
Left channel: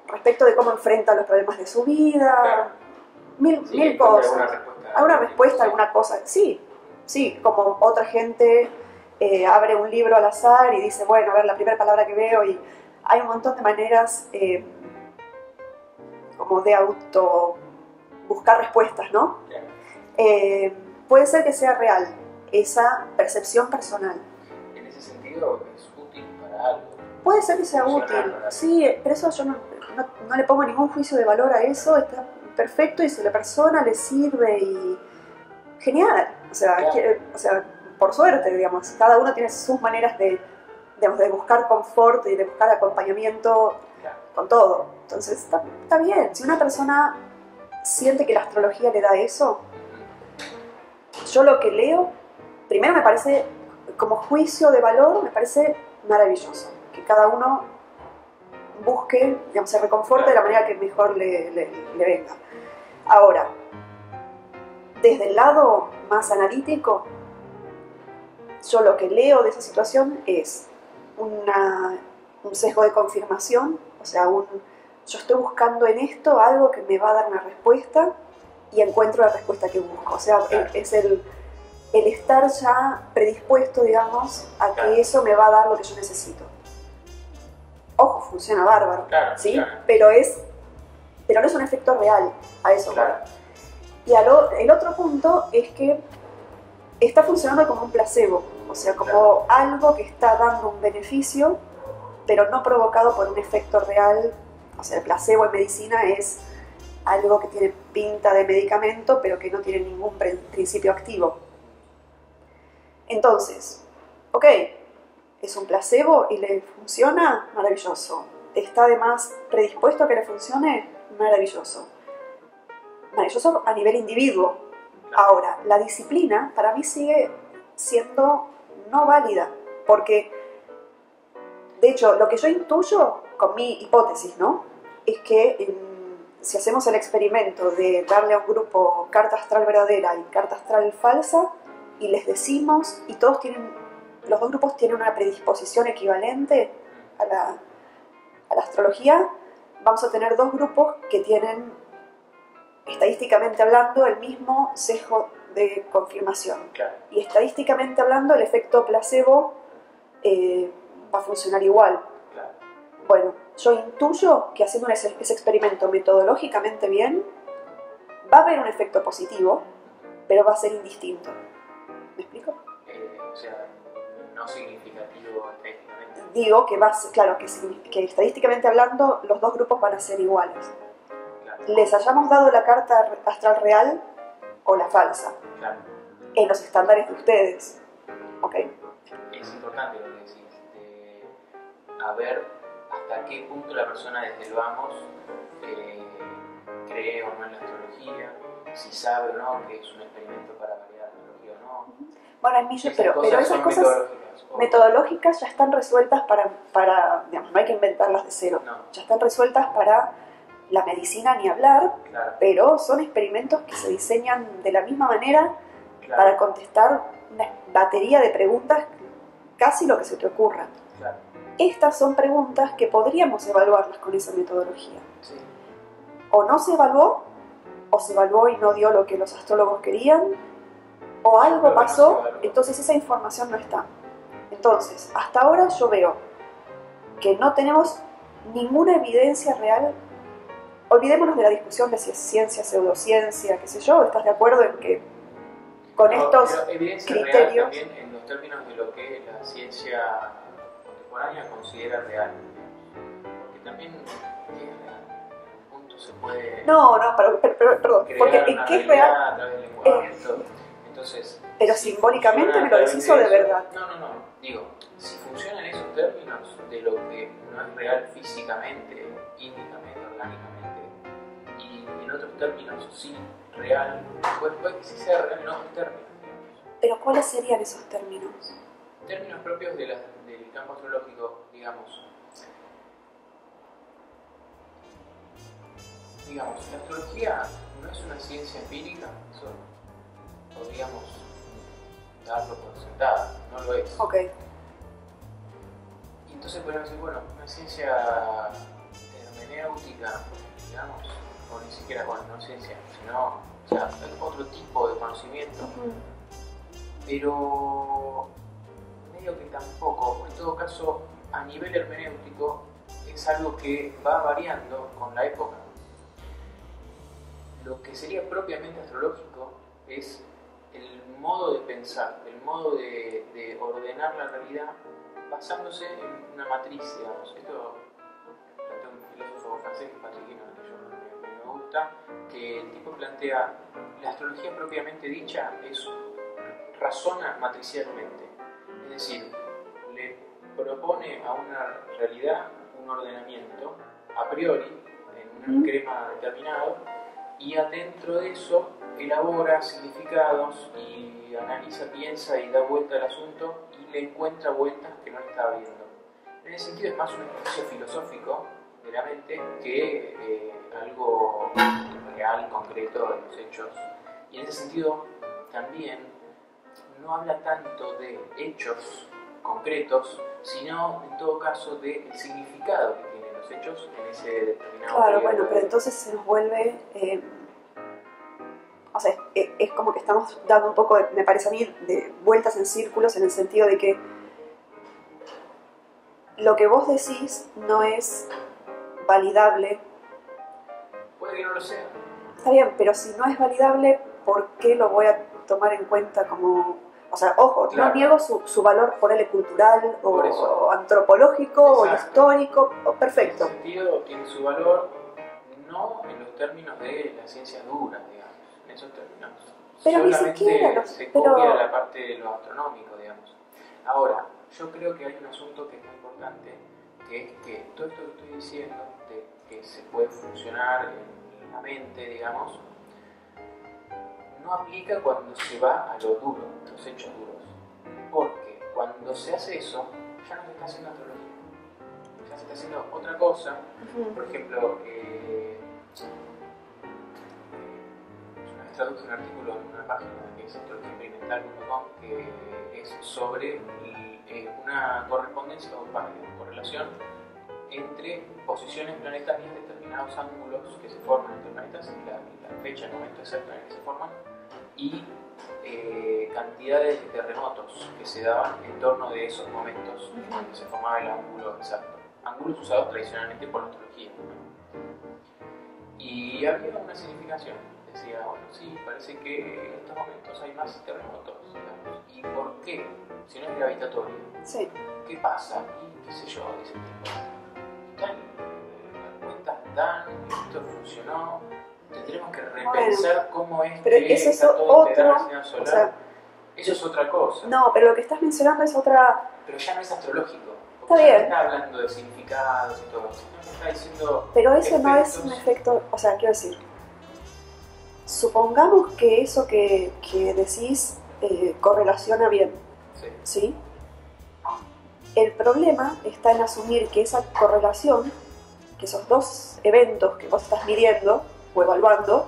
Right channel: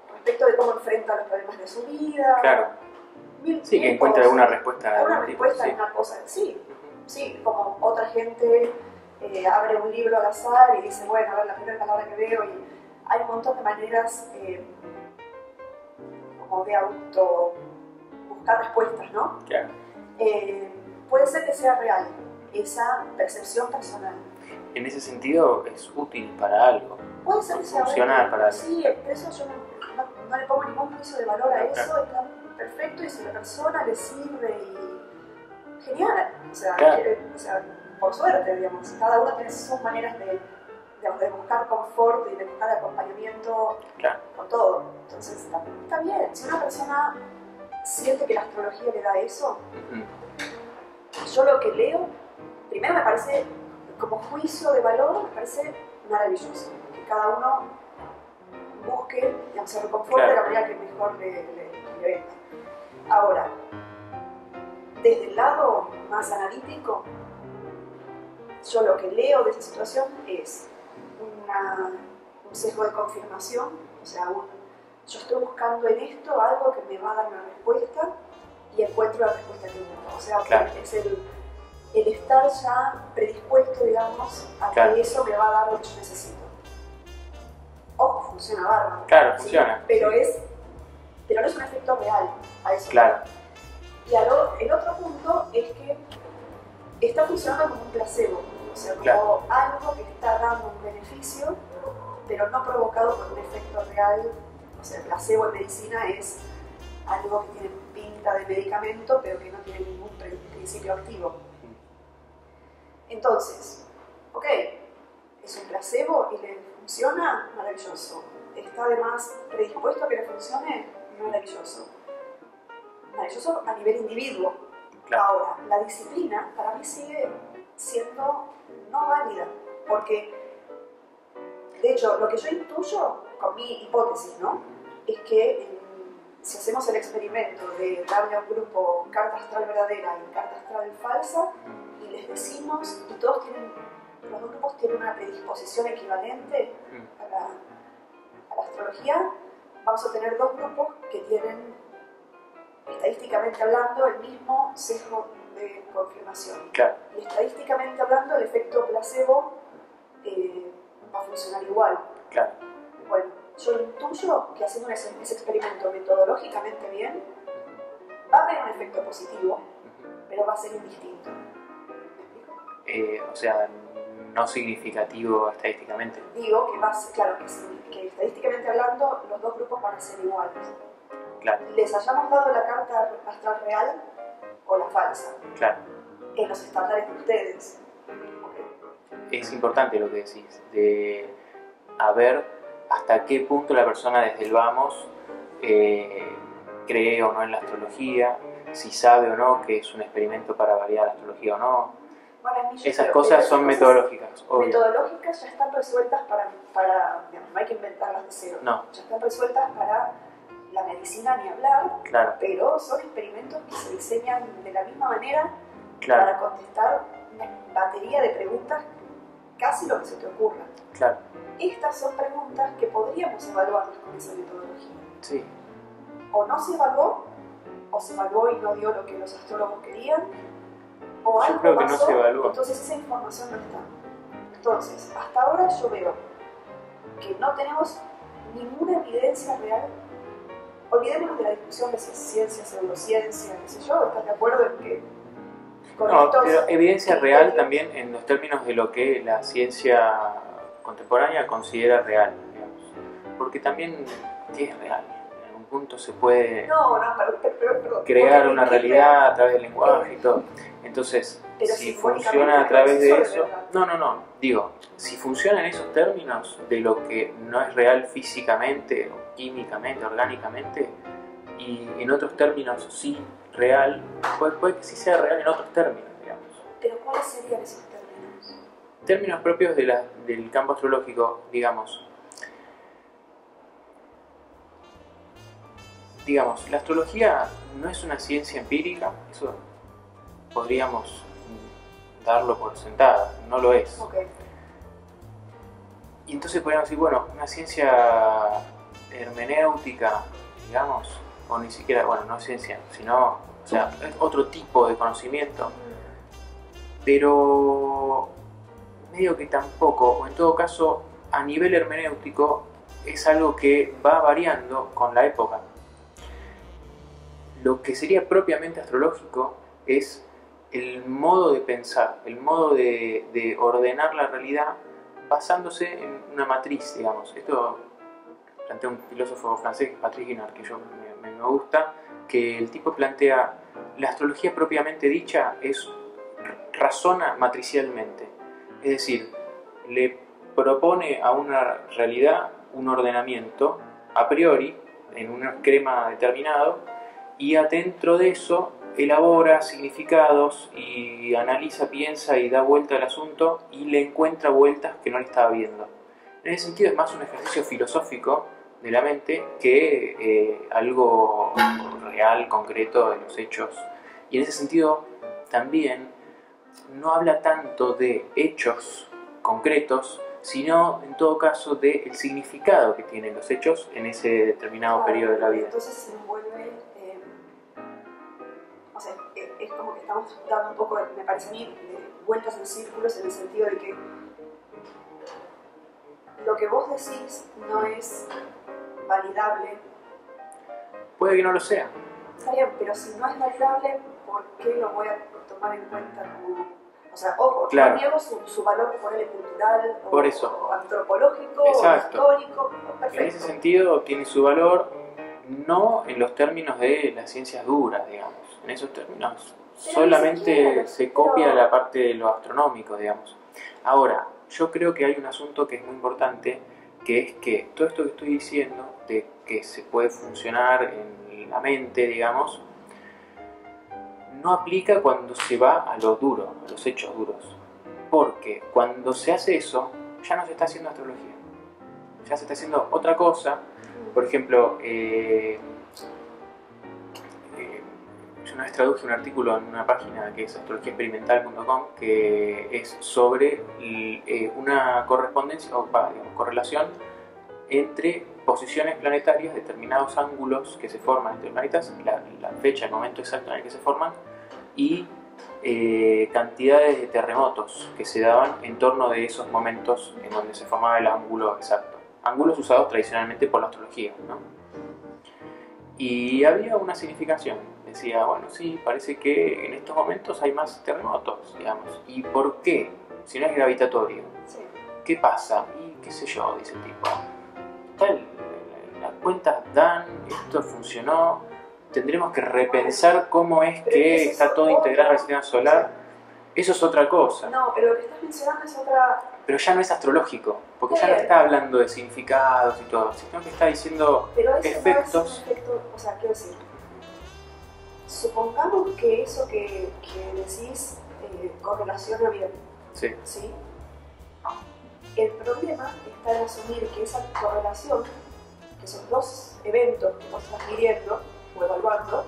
respecto de cómo enfrenta los problemas de su vida. Claro. Mil Sí, que cosas. encuentre alguna respuesta. Alguna algún tipo, respuesta, sí. alguna cosa. Sí, como otra gente abre un libro al azar y dice, bueno, a ver, la primera palabra que veo, y hay un montón de maneras como de auto buscar respuestas, ¿no? Claro. Puede ser que sea real esa percepción personal. En ese sentido es útil para algo. Puede ser que sea útil. Funcional para- Sí, pero eso yo no le pongo ningún juicio de valor a eso. Claro. Está perfecto y si a la persona le sirve y genial. O sea, Claro. por suerte, digamos, cada uno tiene sus maneras digamos, de buscar confort y de buscar acompañamiento Claro. con todo. Entonces está bien. Si una persona siente que la astrología le da eso, yo lo que leo, primero me parece, como juicio de valor, me parece maravilloso. Que cada uno busque, digamos, se reconforte de la manera que mejor le venga. Ahora, desde el lado más analítico, yo lo que leo de esa situación es un sesgo de confirmación, o sea, yo estoy buscando en esto algo que me va a dar una respuesta y encuentro la respuesta que busco. O sea, Claro. que es el estar ya predispuesto, digamos, a Claro. que eso me va a dar lo que yo necesito. Ojo, funciona bárbaro. Claro, ¿sí? funciona. Pero no es un efecto real a eso. Claro. Y el otro punto es que está funcionando como un placebo, o sea, como Claro. algo que está dando un beneficio, pero no provocado por un efecto real. O sea, el placebo en medicina es algo que tiene pinta de medicamento, pero que no tiene ningún principio activo. Entonces, ok, es un placebo y le funciona, maravilloso. ¿Está además predispuesto a que le funcione? Maravilloso. Maravilloso a nivel individuo. Claro. Ahora, la disciplina para mí sigue siendo no válida, porque, de hecho, lo que yo intuyo con mi hipótesis, ¿no? Es que si hacemos el experimento de darle a un grupo carta astral verdadera y carta astral falsa, y les decimos, y los dos grupos tienen una predisposición equivalente a la astrología, vamos a tener dos grupos que tienen, estadísticamente hablando, el mismo sesgo de confirmación. Claro. Y estadísticamente hablando, el efecto placebo va a funcionar igual. Claro. Bueno, yo intuyo que haciendo ese experimento metodológicamente bien, va a haber un efecto positivo, pero va a ser indistinto. ¿Me explico? O sea, no significativo estadísticamente. Digo que claro, que estadísticamente hablando, los dos grupos van a ser iguales. Claro. Les hayamos dado la carta astral real o la falsa, Claro. en los estándares de ustedes. ¿Ok? Es importante lo que decís, de a ver hasta qué punto la persona desde el vamos cree o no en la astrología, si sabe o no que es un experimento para validar la astrología o no. Bueno, en mí yo Esas creo- cosas pero esas son cosas metodológicas, obvio. metodológicas ya están resueltas para digamos, no hay que inventarlas de cero. No, Ya están resueltas para la medicina, ni hablar, claro. pero son experimentos que se diseñan de la misma manera Claro. para contestar una batería de preguntas, casi lo que se te ocurra. Claro. Estas son preguntas que podríamos evaluarlas con esa metodología. Sí. O no se evaluó, o se evaluó y no dio lo que los astrólogos querían, o algo creo que no pasó, se evaluó. entonces esa información no está. Entonces, hasta ahora yo veo que no tenemos ninguna evidencia real. Olvidémonos de la discusión de si es ciencia, pseudociencia, qué sé yo. ¿Estás de acuerdo en que con No, estos pero evidencia criterios real también en los términos de lo que la ciencia contemporánea considera real, digamos. Porque también, ¿qué es real? En algún punto se puede No, perdón. crear porque una ¿qué es realidad real? a través del lenguaje y todo. Entonces, Pero si simbólicamente funciona a me lo través decís, o de eso, verdad. no, digo, si funciona en esos términos de lo que no es real físicamente, o químicamente, orgánicamente, y en otros términos sí real, puede que sí sea real en otros términos, digamos. Pero ¿cuáles serían esos términos? Términos propios del campo astrológico, digamos. Digamos, la astrología no es una ciencia empírica, eso podríamos darlo por sentada, no lo es. Ok. Y entonces podríamos decir, bueno, una ciencia hermenéutica, digamos, o ni siquiera, bueno, no ciencia, sino, o sea, es otro tipo de conocimiento, pero medio que tampoco, o en todo caso, a nivel hermenéutico, es algo que va variando con la época. Lo que sería propiamente astrológico es el modo de pensar, el modo de ordenar la realidad basándose en una matriz, digamos. Esto plantea un filósofo francés, Patrick Guinard, que yo me gusta, que el tipo plantea, la astrología propiamente dicha razona matricialmente, es decir, le propone a una realidad un ordenamiento a priori, en un esquema determinado, y adentro de eso elabora significados y analiza, piensa y da vuelta al asunto y le encuentra vueltas que no le estaba viendo. En ese sentido es más un ejercicio filosófico de la mente que algo real, concreto de los hechos. Y en ese sentido también no habla tanto de hechos concretos, sino en todo caso del significado que tienen los hechos en ese determinado periodo de la vida. Entonces se nos vuelve, o sea, es como que estamos dando un poco, me parece a mí, de vueltas en círculos, en el sentido de que lo que vos decís no es validable. Puede que no lo sea. Está bien, pero si no es validable, ¿por qué lo voy a tomar en cuenta como...? O sea, ojo, claro. No niego su valor por el cultural o antropológico. Exacto. O histórico, perfecto. En ese sentido tiene su valor, no en los términos de las ciencias duras, digamos. En esos términos pero solamente se copia la parte de lo astronómico, digamos. Ahora, yo creo que hay un asunto que es muy importante, que es que todo esto que estoy diciendo, de que se puede funcionar en la mente, digamos, no aplica cuando se va a lo duro, a los hechos duros. Porque cuando se hace eso, ya no se está haciendo astrología. Ya se está haciendo otra cosa. Por ejemplo, yo una vez traduje un artículo en una página que es astrologiaexperimental.com, que es sobre una correspondencia o correlación entre posiciones planetarias, determinados ángulos que se forman entre planetas, la fecha, el momento exacto en el que se forman, y cantidades de terremotos que se daban en torno de esos momentos en donde se formaba el ángulo exacto. Ángulos usados tradicionalmente por la astrología, ¿no? Y había una significación. Decía, bueno, sí, parece que en estos momentos hay más terremotos, digamos. ¿Y por qué? Si no es gravitatorio. Sí. ¿Qué pasa? Y qué sé yo, dice el tipo. Las cuentas dan, esto funcionó, tendremos que repensar cómo es que está todo integrado en el sistema solar. O sea, eso es otra cosa. No, pero lo que estás mencionando es otra... Pero ya no es astrológico, porque ya no está hablando de significados y todo, sino que está diciendo pero ese efectos. No es un efecto, o sea, quiero decir, supongamos que eso que decís correlaciona bien, ¿sí? El problema está en asumir que esa correlación, que esos dos eventos que vos estás midiendo o evaluando,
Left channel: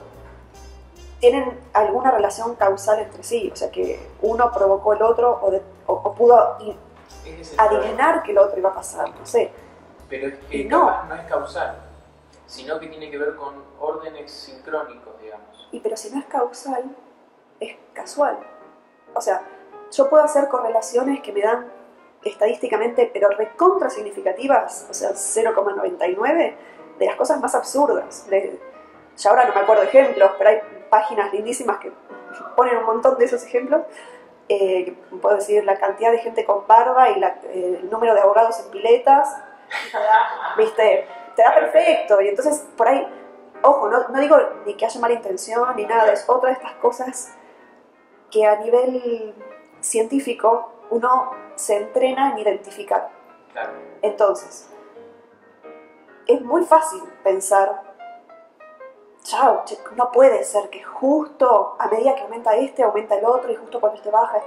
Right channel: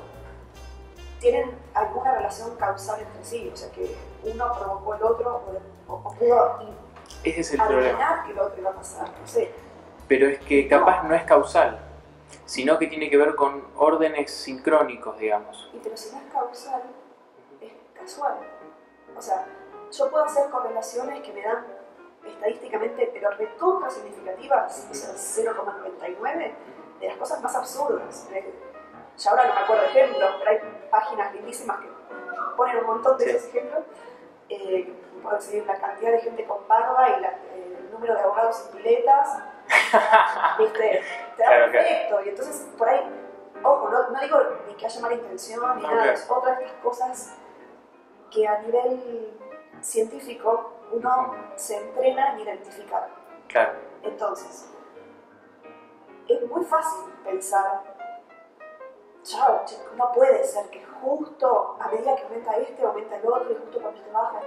tienen alguna relación causal entre sí, o sea que uno provocó el otro o pudo Ese es el adivinar problema. que el otro iba a pasar, no sé. Pero es que No. capaz no es causal, sino que tiene que ver con órdenes sincrónicos, digamos. Y pero si no es causal, es casual. O sea, yo puedo hacer correlaciones que me dan estadísticamente, pero recontra significativas, o sea, 0,99 de las cosas más absurdas. Ya ahora no me acuerdo de ejemplos, pero hay páginas lindísimas que ponen un montón de esos ejemplos. Puedo decir la cantidad de gente con barba y el número de abogados en piletas. ¿Viste? Te da Claro, perfecto. Y entonces, por ahí, ojo, no digo ni que haya mala intención ni nada, es otra de estas cosas que a nivel científico uno se entrena en identificar. Claro. Entonces, es muy fácil pensar, chao, no puede ser que justo a medida que aumenta este, aumenta el otro, y justo cuando este baja.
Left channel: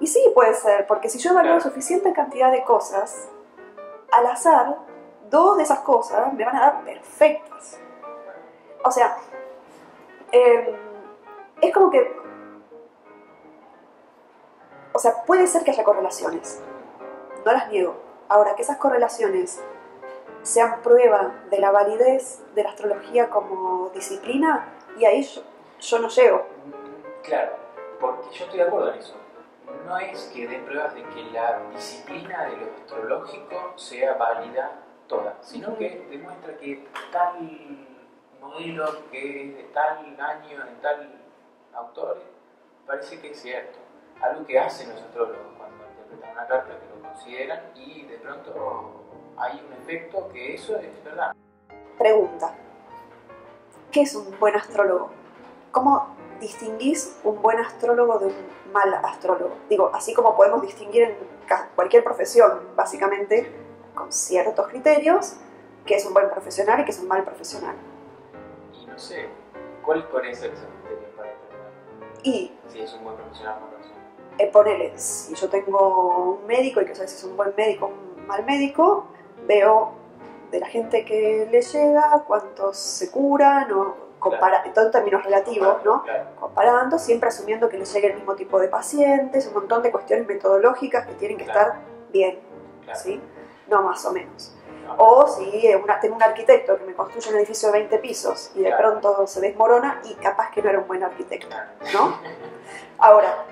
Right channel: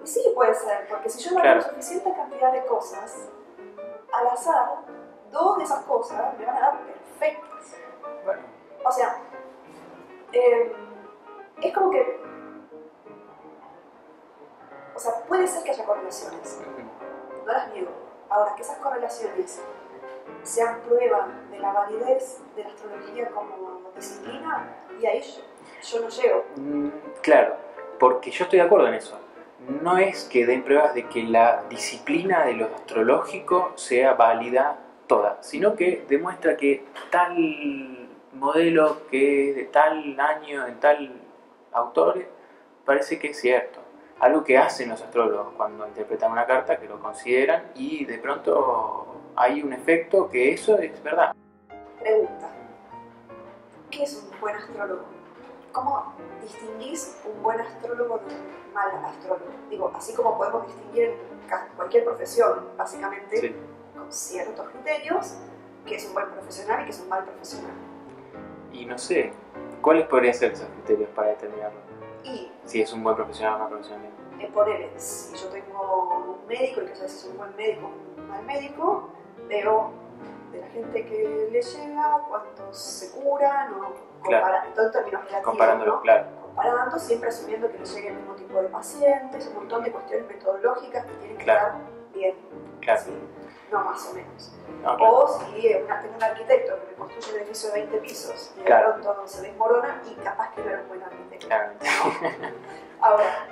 Y sí, puede ser, porque si yo evalúo suficiente cantidad de cosas, al azar, 2 de esas cosas me van a dar perfectas. Bueno, O sea, es como que... O sea, puede ser que haya correlaciones, no las niego. Ahora, que esas correlaciones sean prueba de la validez de la astrología como disciplina, y ahí yo no llego. claro, porque yo estoy de acuerdo en eso. No es que den pruebas de que la disciplina de lo astrológico sea válida toda, sino que demuestra que tal modelo que es de tal año, en tal autor, parece que es cierto. Algo que hacen los astrólogos cuando interpretan una carta, que lo consideran y de pronto hay un efecto que eso es verdad. Pregunta, ¿qué es un buen astrólogo? ¿Cómo distinguís un buen astrólogo de un mal astrólogo? Digo, así como podemos distinguir en cualquier profesión, básicamente, Sí. con ciertos criterios, qué es un buen profesional y qué es un mal profesional. Y no sé, ¿cuáles podrían ser esos criterios para determinarlo? Y Si es un buen profesional o mal profesional. ponele, si yo tengo un médico y que sabes si es un buen médico o un mal médico, veo de la gente que le llega cuántos se curan o en todo en términos relativos, ¿no? Claro. Comparando, siempre asumiendo que les llegue el mismo tipo de pacientes, un montón de cuestiones metodológicas que tienen que estar bien, Claro. ¿sí? No más o menos. No, claro. O si tengo un arquitecto que me construye un edificio de 20 pisos y de pronto se desmorona y capaz que no era un buen arquitecto, ¿no? Ahora,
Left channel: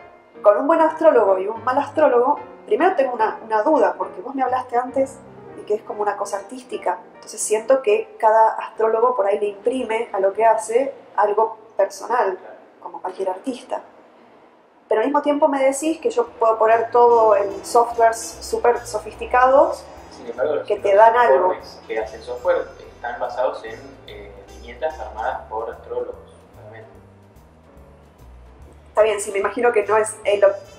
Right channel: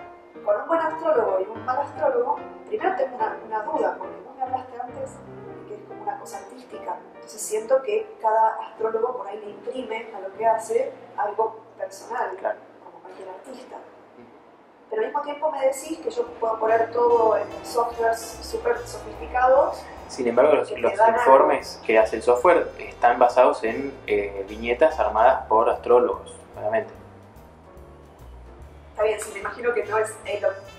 con un buen astrólogo y un mal astrólogo, primero tengo una duda, porque vos me hablaste antes de que es como una cosa artística, entonces siento que cada astrólogo por ahí le imprime a lo que hace algo personal, como cualquier artista. Pero al mismo tiempo me decís que yo puedo poner todo en softwares súper sofisticados. Sin embargo, los informes que hace el software están basados en viñetas armadas por astrólogos, claramente. Está bien, sí, me imagino que no es,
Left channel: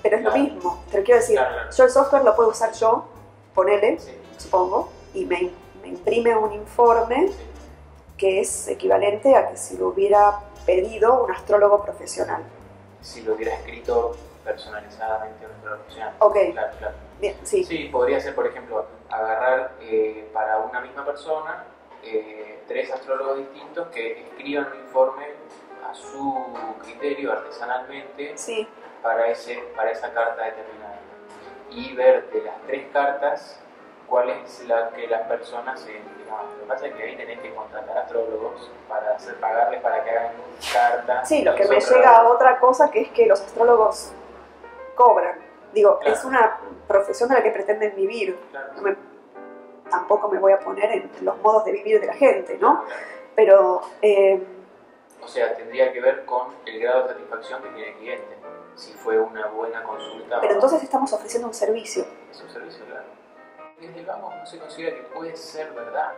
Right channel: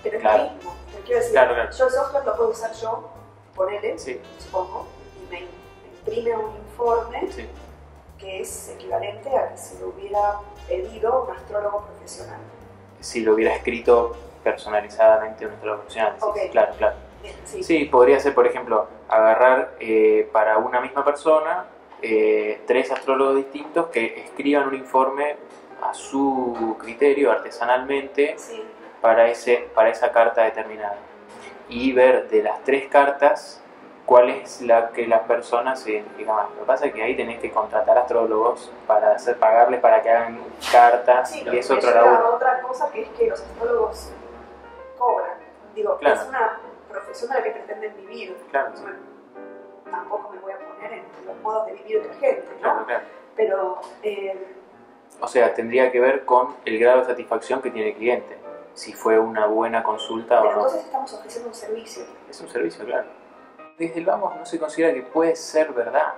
pero es lo mismo. Pero quiero decir, yo el software lo puedo usar yo, ponele, supongo, y me imprime un informe que es equivalente a que si lo hubiera pedido un astrólogo profesional. Si lo hubiera escrito personalizadamente un astrólogo profesional. Ok. Claro. Bien, sí. Sí, podría ser, por ejemplo, agarrar para una misma persona 3 astrólogos distintos que escriban un informe a su criterio, artesanalmente, para esa carta determinada. Y ver de las 3 cartas cuál es la que las personas se identifican más. Lo que pasa es que ahí tenés que contratar astrólogos para pagarles para que hagan cartas. Sí, lo que me llega a otra cosa, que es que los astrólogos cobran. Digo, es una profesión de la que pretenden vivir. Tampoco me voy a poner en los modos de vivir de la gente, ¿no? Pero... o sea, tendría que ver con el grado de satisfacción que tiene el cliente. Si fue una buena consulta o no. Pero entonces estamos ofreciendo un servicio. Es un servicio, claro. Desde el vamos no se considera que puede ser verdad.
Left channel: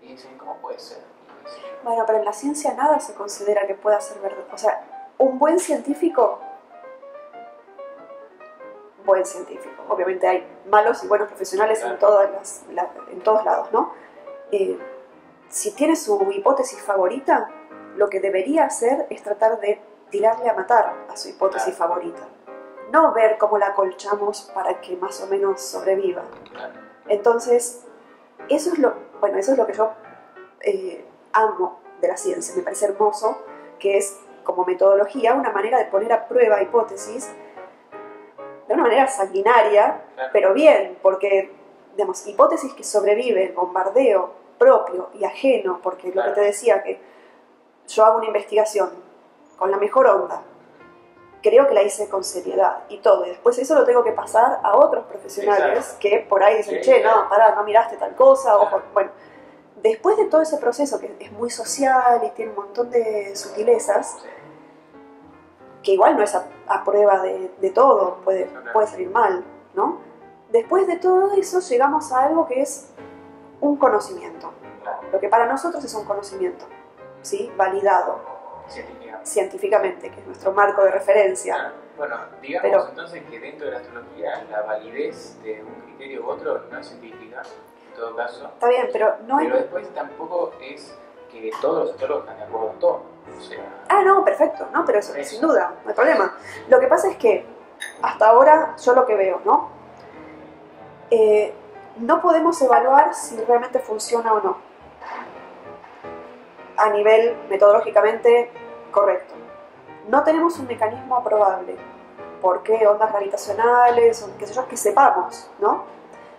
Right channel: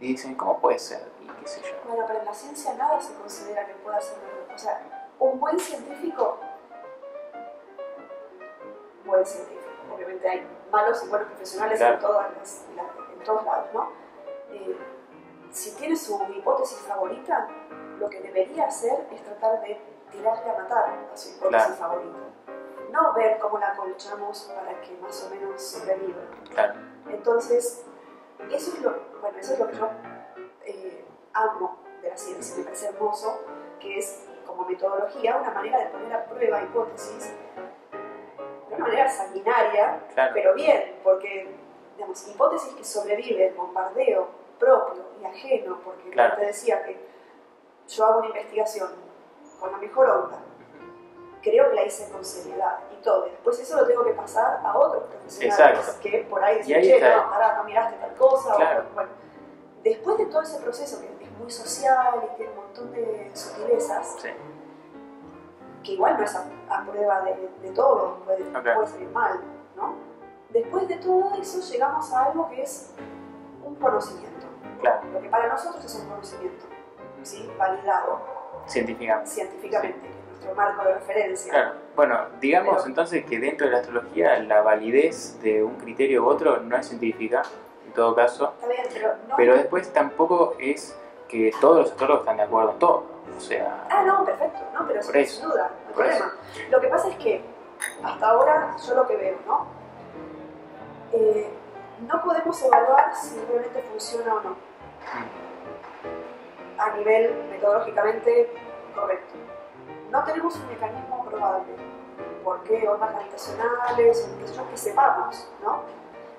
Y dicen, ¿cómo puede ser? Y qué sé yo. Bueno, pero en la ciencia nada se considera que pueda ser verdad. O sea, un buen científico... Obviamente hay malos y buenos profesionales en todos lados, ¿no? Si tiene su hipótesis favorita, lo que debería hacer es tratar de tirarle a matar a su hipótesis favorita. No ver cómo la acolchamos para que más o menos sobreviva. Entonces, eso es lo que yo amo de la ciencia, me parece hermoso, que es como metodología una manera de poner a prueba hipótesis de una manera sanguinaria, Claro. pero bien, porque digamos, hipótesis que sobreviven, bombardeo propio y ajeno, porque Claro. lo que te decía, que yo hago una investigación con la mejor onda, creo que la hice con seriedad y todo, y después eso lo tengo que pasar a otros profesionales Exacto. que por ahí Y dicen, ahí che, está. no, pará, no miraste tal cosa, Claro. o bueno, después de todo ese proceso que es muy social y tiene un montón de sutilezas, Sí. que igual no es a prueba de todo, puede salir mal, ¿no? Después de todo eso llegamos a algo que es un conocimiento, Claro. lo que para nosotros es un conocimiento, ¿sí? Validado científicamente, que es nuestro marco de referencia. Claro. Bueno, digamos Pero- entonces que dentro de la astrología la validez de un criterio u otro no es científica, en todo caso, Está bien, pero no pero hay... después tampoco es que todos los astrólogos están de acuerdo en todo. O sea, Ah, no, perfecto, ¿no? Pero eso, Por eso. sin duda, no hay Por problema. Lo que pasa es que hasta ahora yo lo que veo, ¿no? No podemos evaluar si realmente funciona o no a nivel metodológicamente correcto. No tenemos un mecanismo probable. ¿Por qué? Ondas gravitacionales, o qué sé yo, que sepamos, ¿no?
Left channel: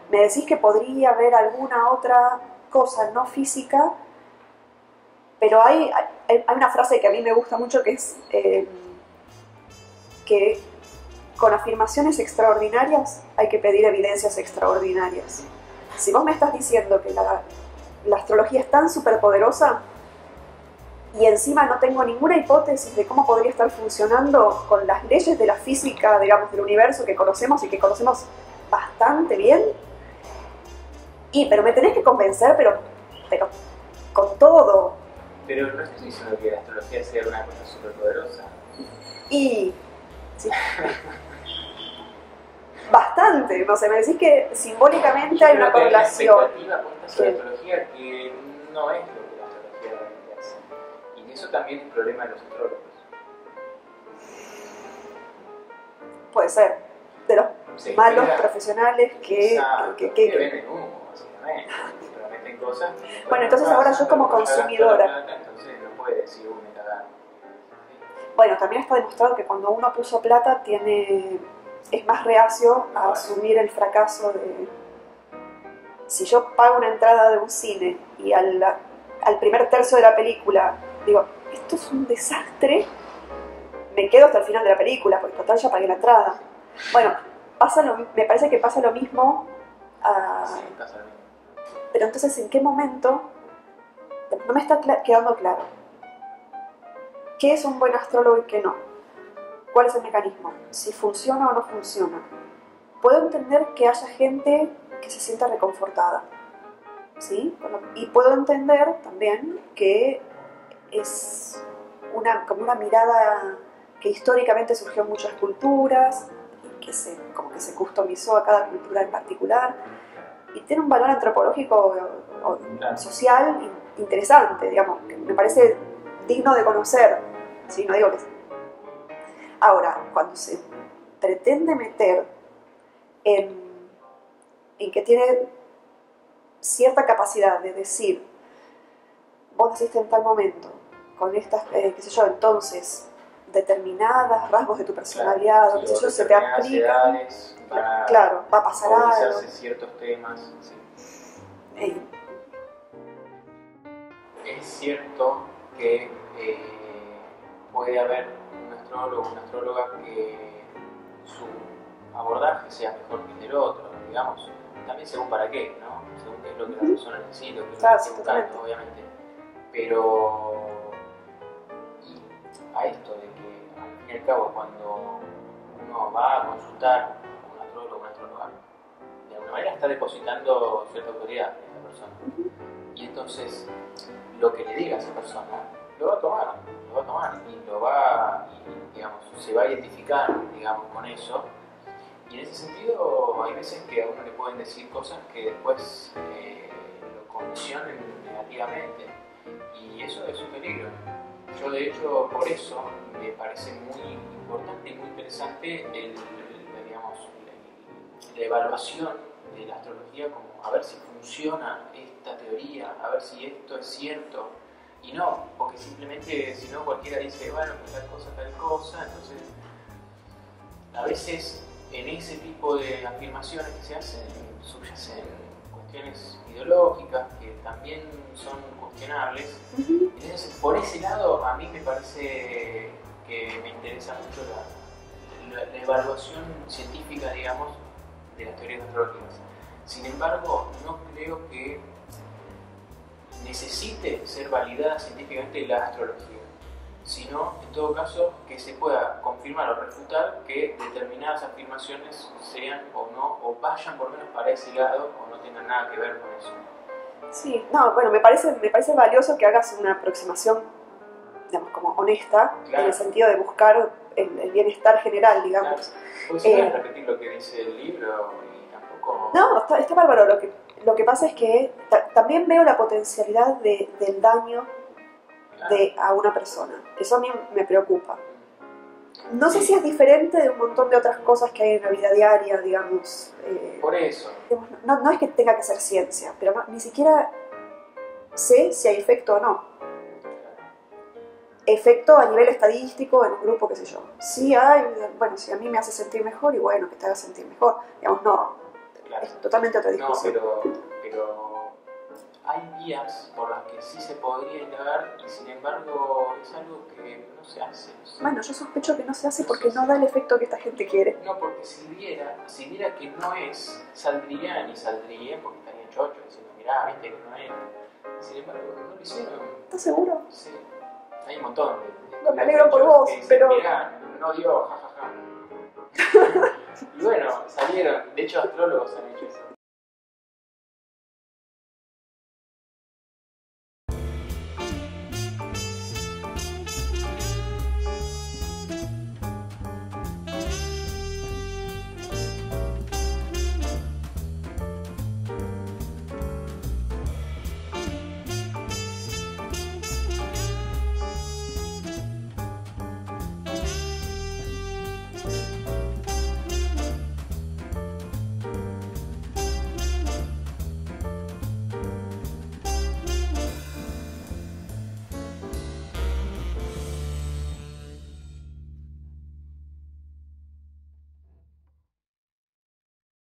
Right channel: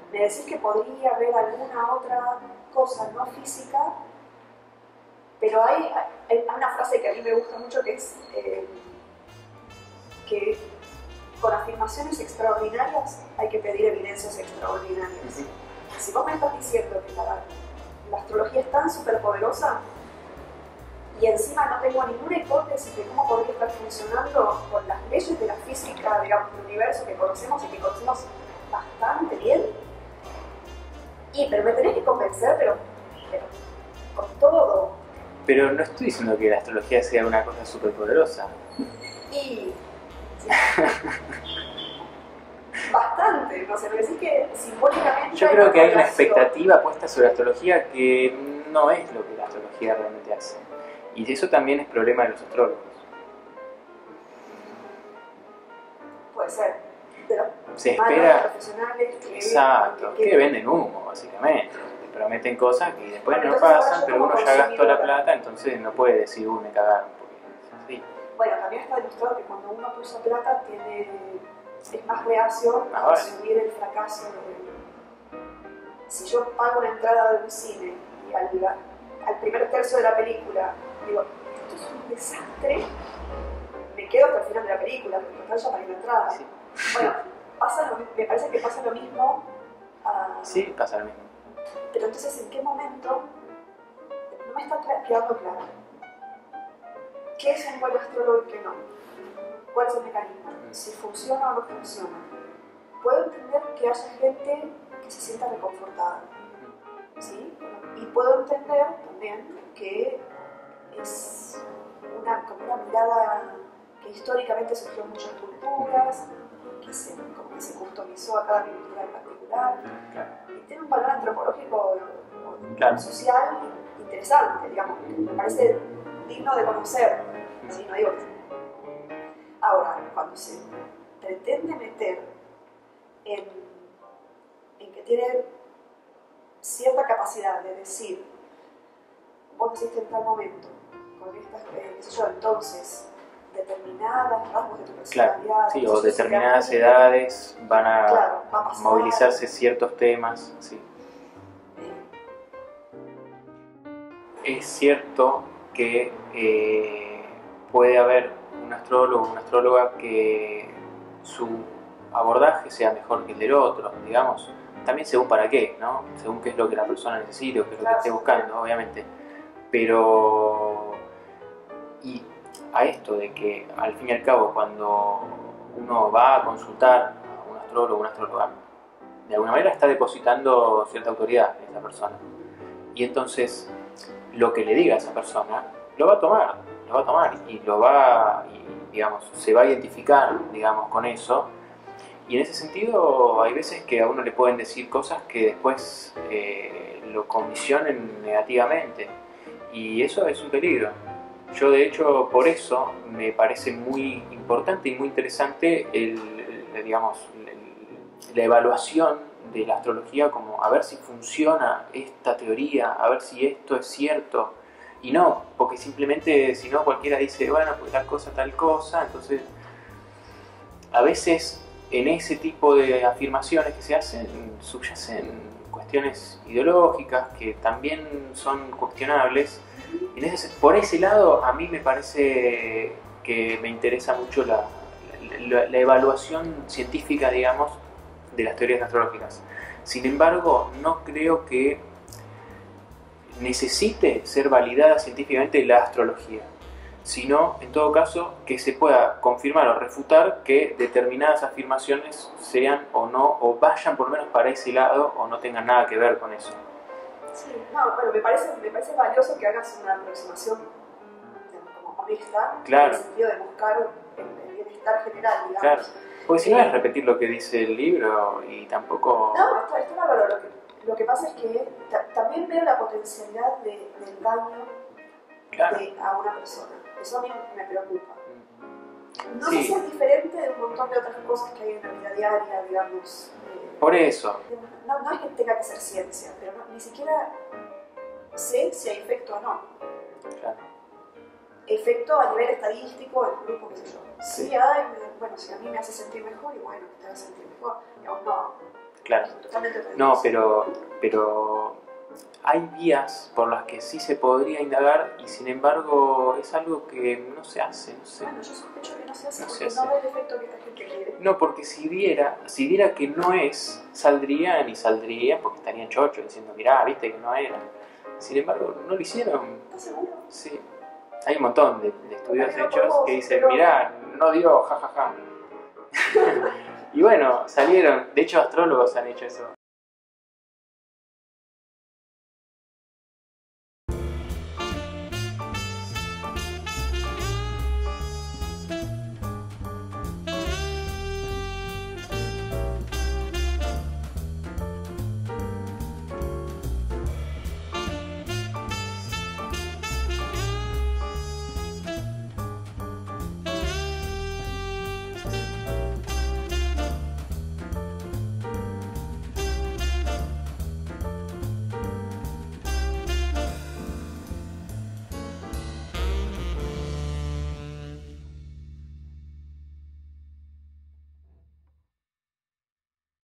Me decís que podría haber alguna otra cosa no física, pero hay una frase que a mí me gusta mucho que es que con afirmaciones extraordinarias hay que pedir evidencias extraordinarias. Si vos me estás diciendo que la astrología es tan superpoderosa y encima no tengo ninguna hipótesis de cómo podría estar funcionando con las leyes de la física, digamos, del universo que conocemos y que conocemos bastante bien, pero me tenés que convencer, pero con todo. pero no estoy diciendo que la astrología sea una cosa súper poderosa. Y sí. Bastante, no sé, me decís que simbólicamente Yo hay creo una que hay una correlación. expectativa puesta sobre la Sí. astrología que no es lo que la astrología realmente hace. Y eso también es problema de los astrólogos. Puede ser, de los Se malos espera, profesionales exacto, que que venden humo, básicamente. Prometen cosas que después Bueno, no entonces ahora pasan, yo pero como uno ya gastó la consumidora. plata, entonces no puede decir, me cagaron. Sí. Bueno, también está demostrado que cuando uno puso plata es más reacio a Ahora. asumir el fracaso si yo pago una entrada de un cine y al primer tercio de la película digo, esto es un desastre, me quedo hasta el final de la película, porque total ya pagué la entrada. Bueno, me parece que pasa lo mismo. Sí, pasa lo mismo. Pero entonces, ¿en qué momento? No me está quedando claro. ¿Qué es un buen astrólogo y qué no? ¿Cuál es el mecanismo? Si funciona o no funciona. Puedo entender que haya gente que se sienta reconfortada, ¿sí? Y puedo entender también que es como una mirada que históricamente surgió en muchas culturas, como que se customizó a cada cultura en particular, y tiene un valor antropológico o Claro. social interesante, digamos, que me parece digno de conocer, ¿sí? No digo que... Ahora, cuando se pretende meter en que tiene cierta capacidad de decir, vos naciste en tal momento, con estas, qué sé yo, entonces, determinadas rasgos de tu personalidad, Claro, sí, qué sé o yo, se te determinadas aplican, edades van a claro, va a pasar movilizarse algo. ciertos temas. Sí. Eh, Es cierto que puede haber un astrólogo o una astróloga que su abordaje sea mejor que el del otro, digamos. También según para qué, ¿no? Según qué es lo que la persona necesita o qué es lo que Claro, esté buscando, obviamente. Pero... Y a esto de que al fin y al cabo cuando uno va a consultar a un astrólogo o una astróloga, de alguna manera está depositando cierta autoridad en esa persona. Y entonces lo que le diga a esa persona lo va a tomar y digamos, se va a identificar, digamos, con eso. Y en ese sentido hay veces que a uno le pueden decir cosas que después lo condicionen negativamente, y eso es un peligro. Yo de hecho por eso me parece muy importante y muy interesante la evaluación de la astrología, como a ver si funciona esta teoría, a ver si esto es cierto. Y no, porque simplemente si no cualquiera dice, bueno, pues tal cosa, entonces a veces en ese tipo de afirmaciones que se hacen subyacen cuestiones ideológicas que también son cuestionables. Por ese lado a mí me parece que me interesa mucho la evaluación científica, digamos, de las teorías astrológicas. Sin embargo, no creo que necesite ser validada científicamente la astrología, sino en todo caso que se pueda confirmar o refutar que determinadas afirmaciones sean o no, o vayan por lo menos para ese lado o no tengan nada que ver con eso. Sí, no, bueno, me parece valioso que hagas una aproximación, digamos, como honesta, claro, en el sentido de buscar el bienestar general, digamos. Claro. Porque si no es repetir lo que dice el libro y tampoco... No, está bárbaro. Lo que pasa es que también veo la potencialidad del daño, claro, a una persona. Eso a mí me preocupa. No sé si es diferente de un montón de otras cosas que hay en la vida diaria, digamos. Por eso. No es que tenga que ser ciencia, pero ni siquiera sé si hay efecto o no. Claro. Efecto a nivel estadístico en un grupo, qué sé yo. Sí hay, bueno, si a mí me hace sentir mejor, y bueno, que te haga sentir mejor. Digamos, no. Claro. Totalmente otra discusión. No, pero hay vías por las que sí se podría indagar y sin embargo es algo que no se hace. No sé. Bueno, yo sospecho que no se hace porque no da el efecto que esta gente quiere. No, porque si diera que no es, saldrían porque estarían chochos diciendo, mirá, viste que no era. Sin embargo, no lo hicieron. ¿Estás seguro? Sí. Hay un montón de estudios hechos que dicen, mirá, no dio, jajaja. Y bueno, salieron, de hecho astrólogos han hecho eso.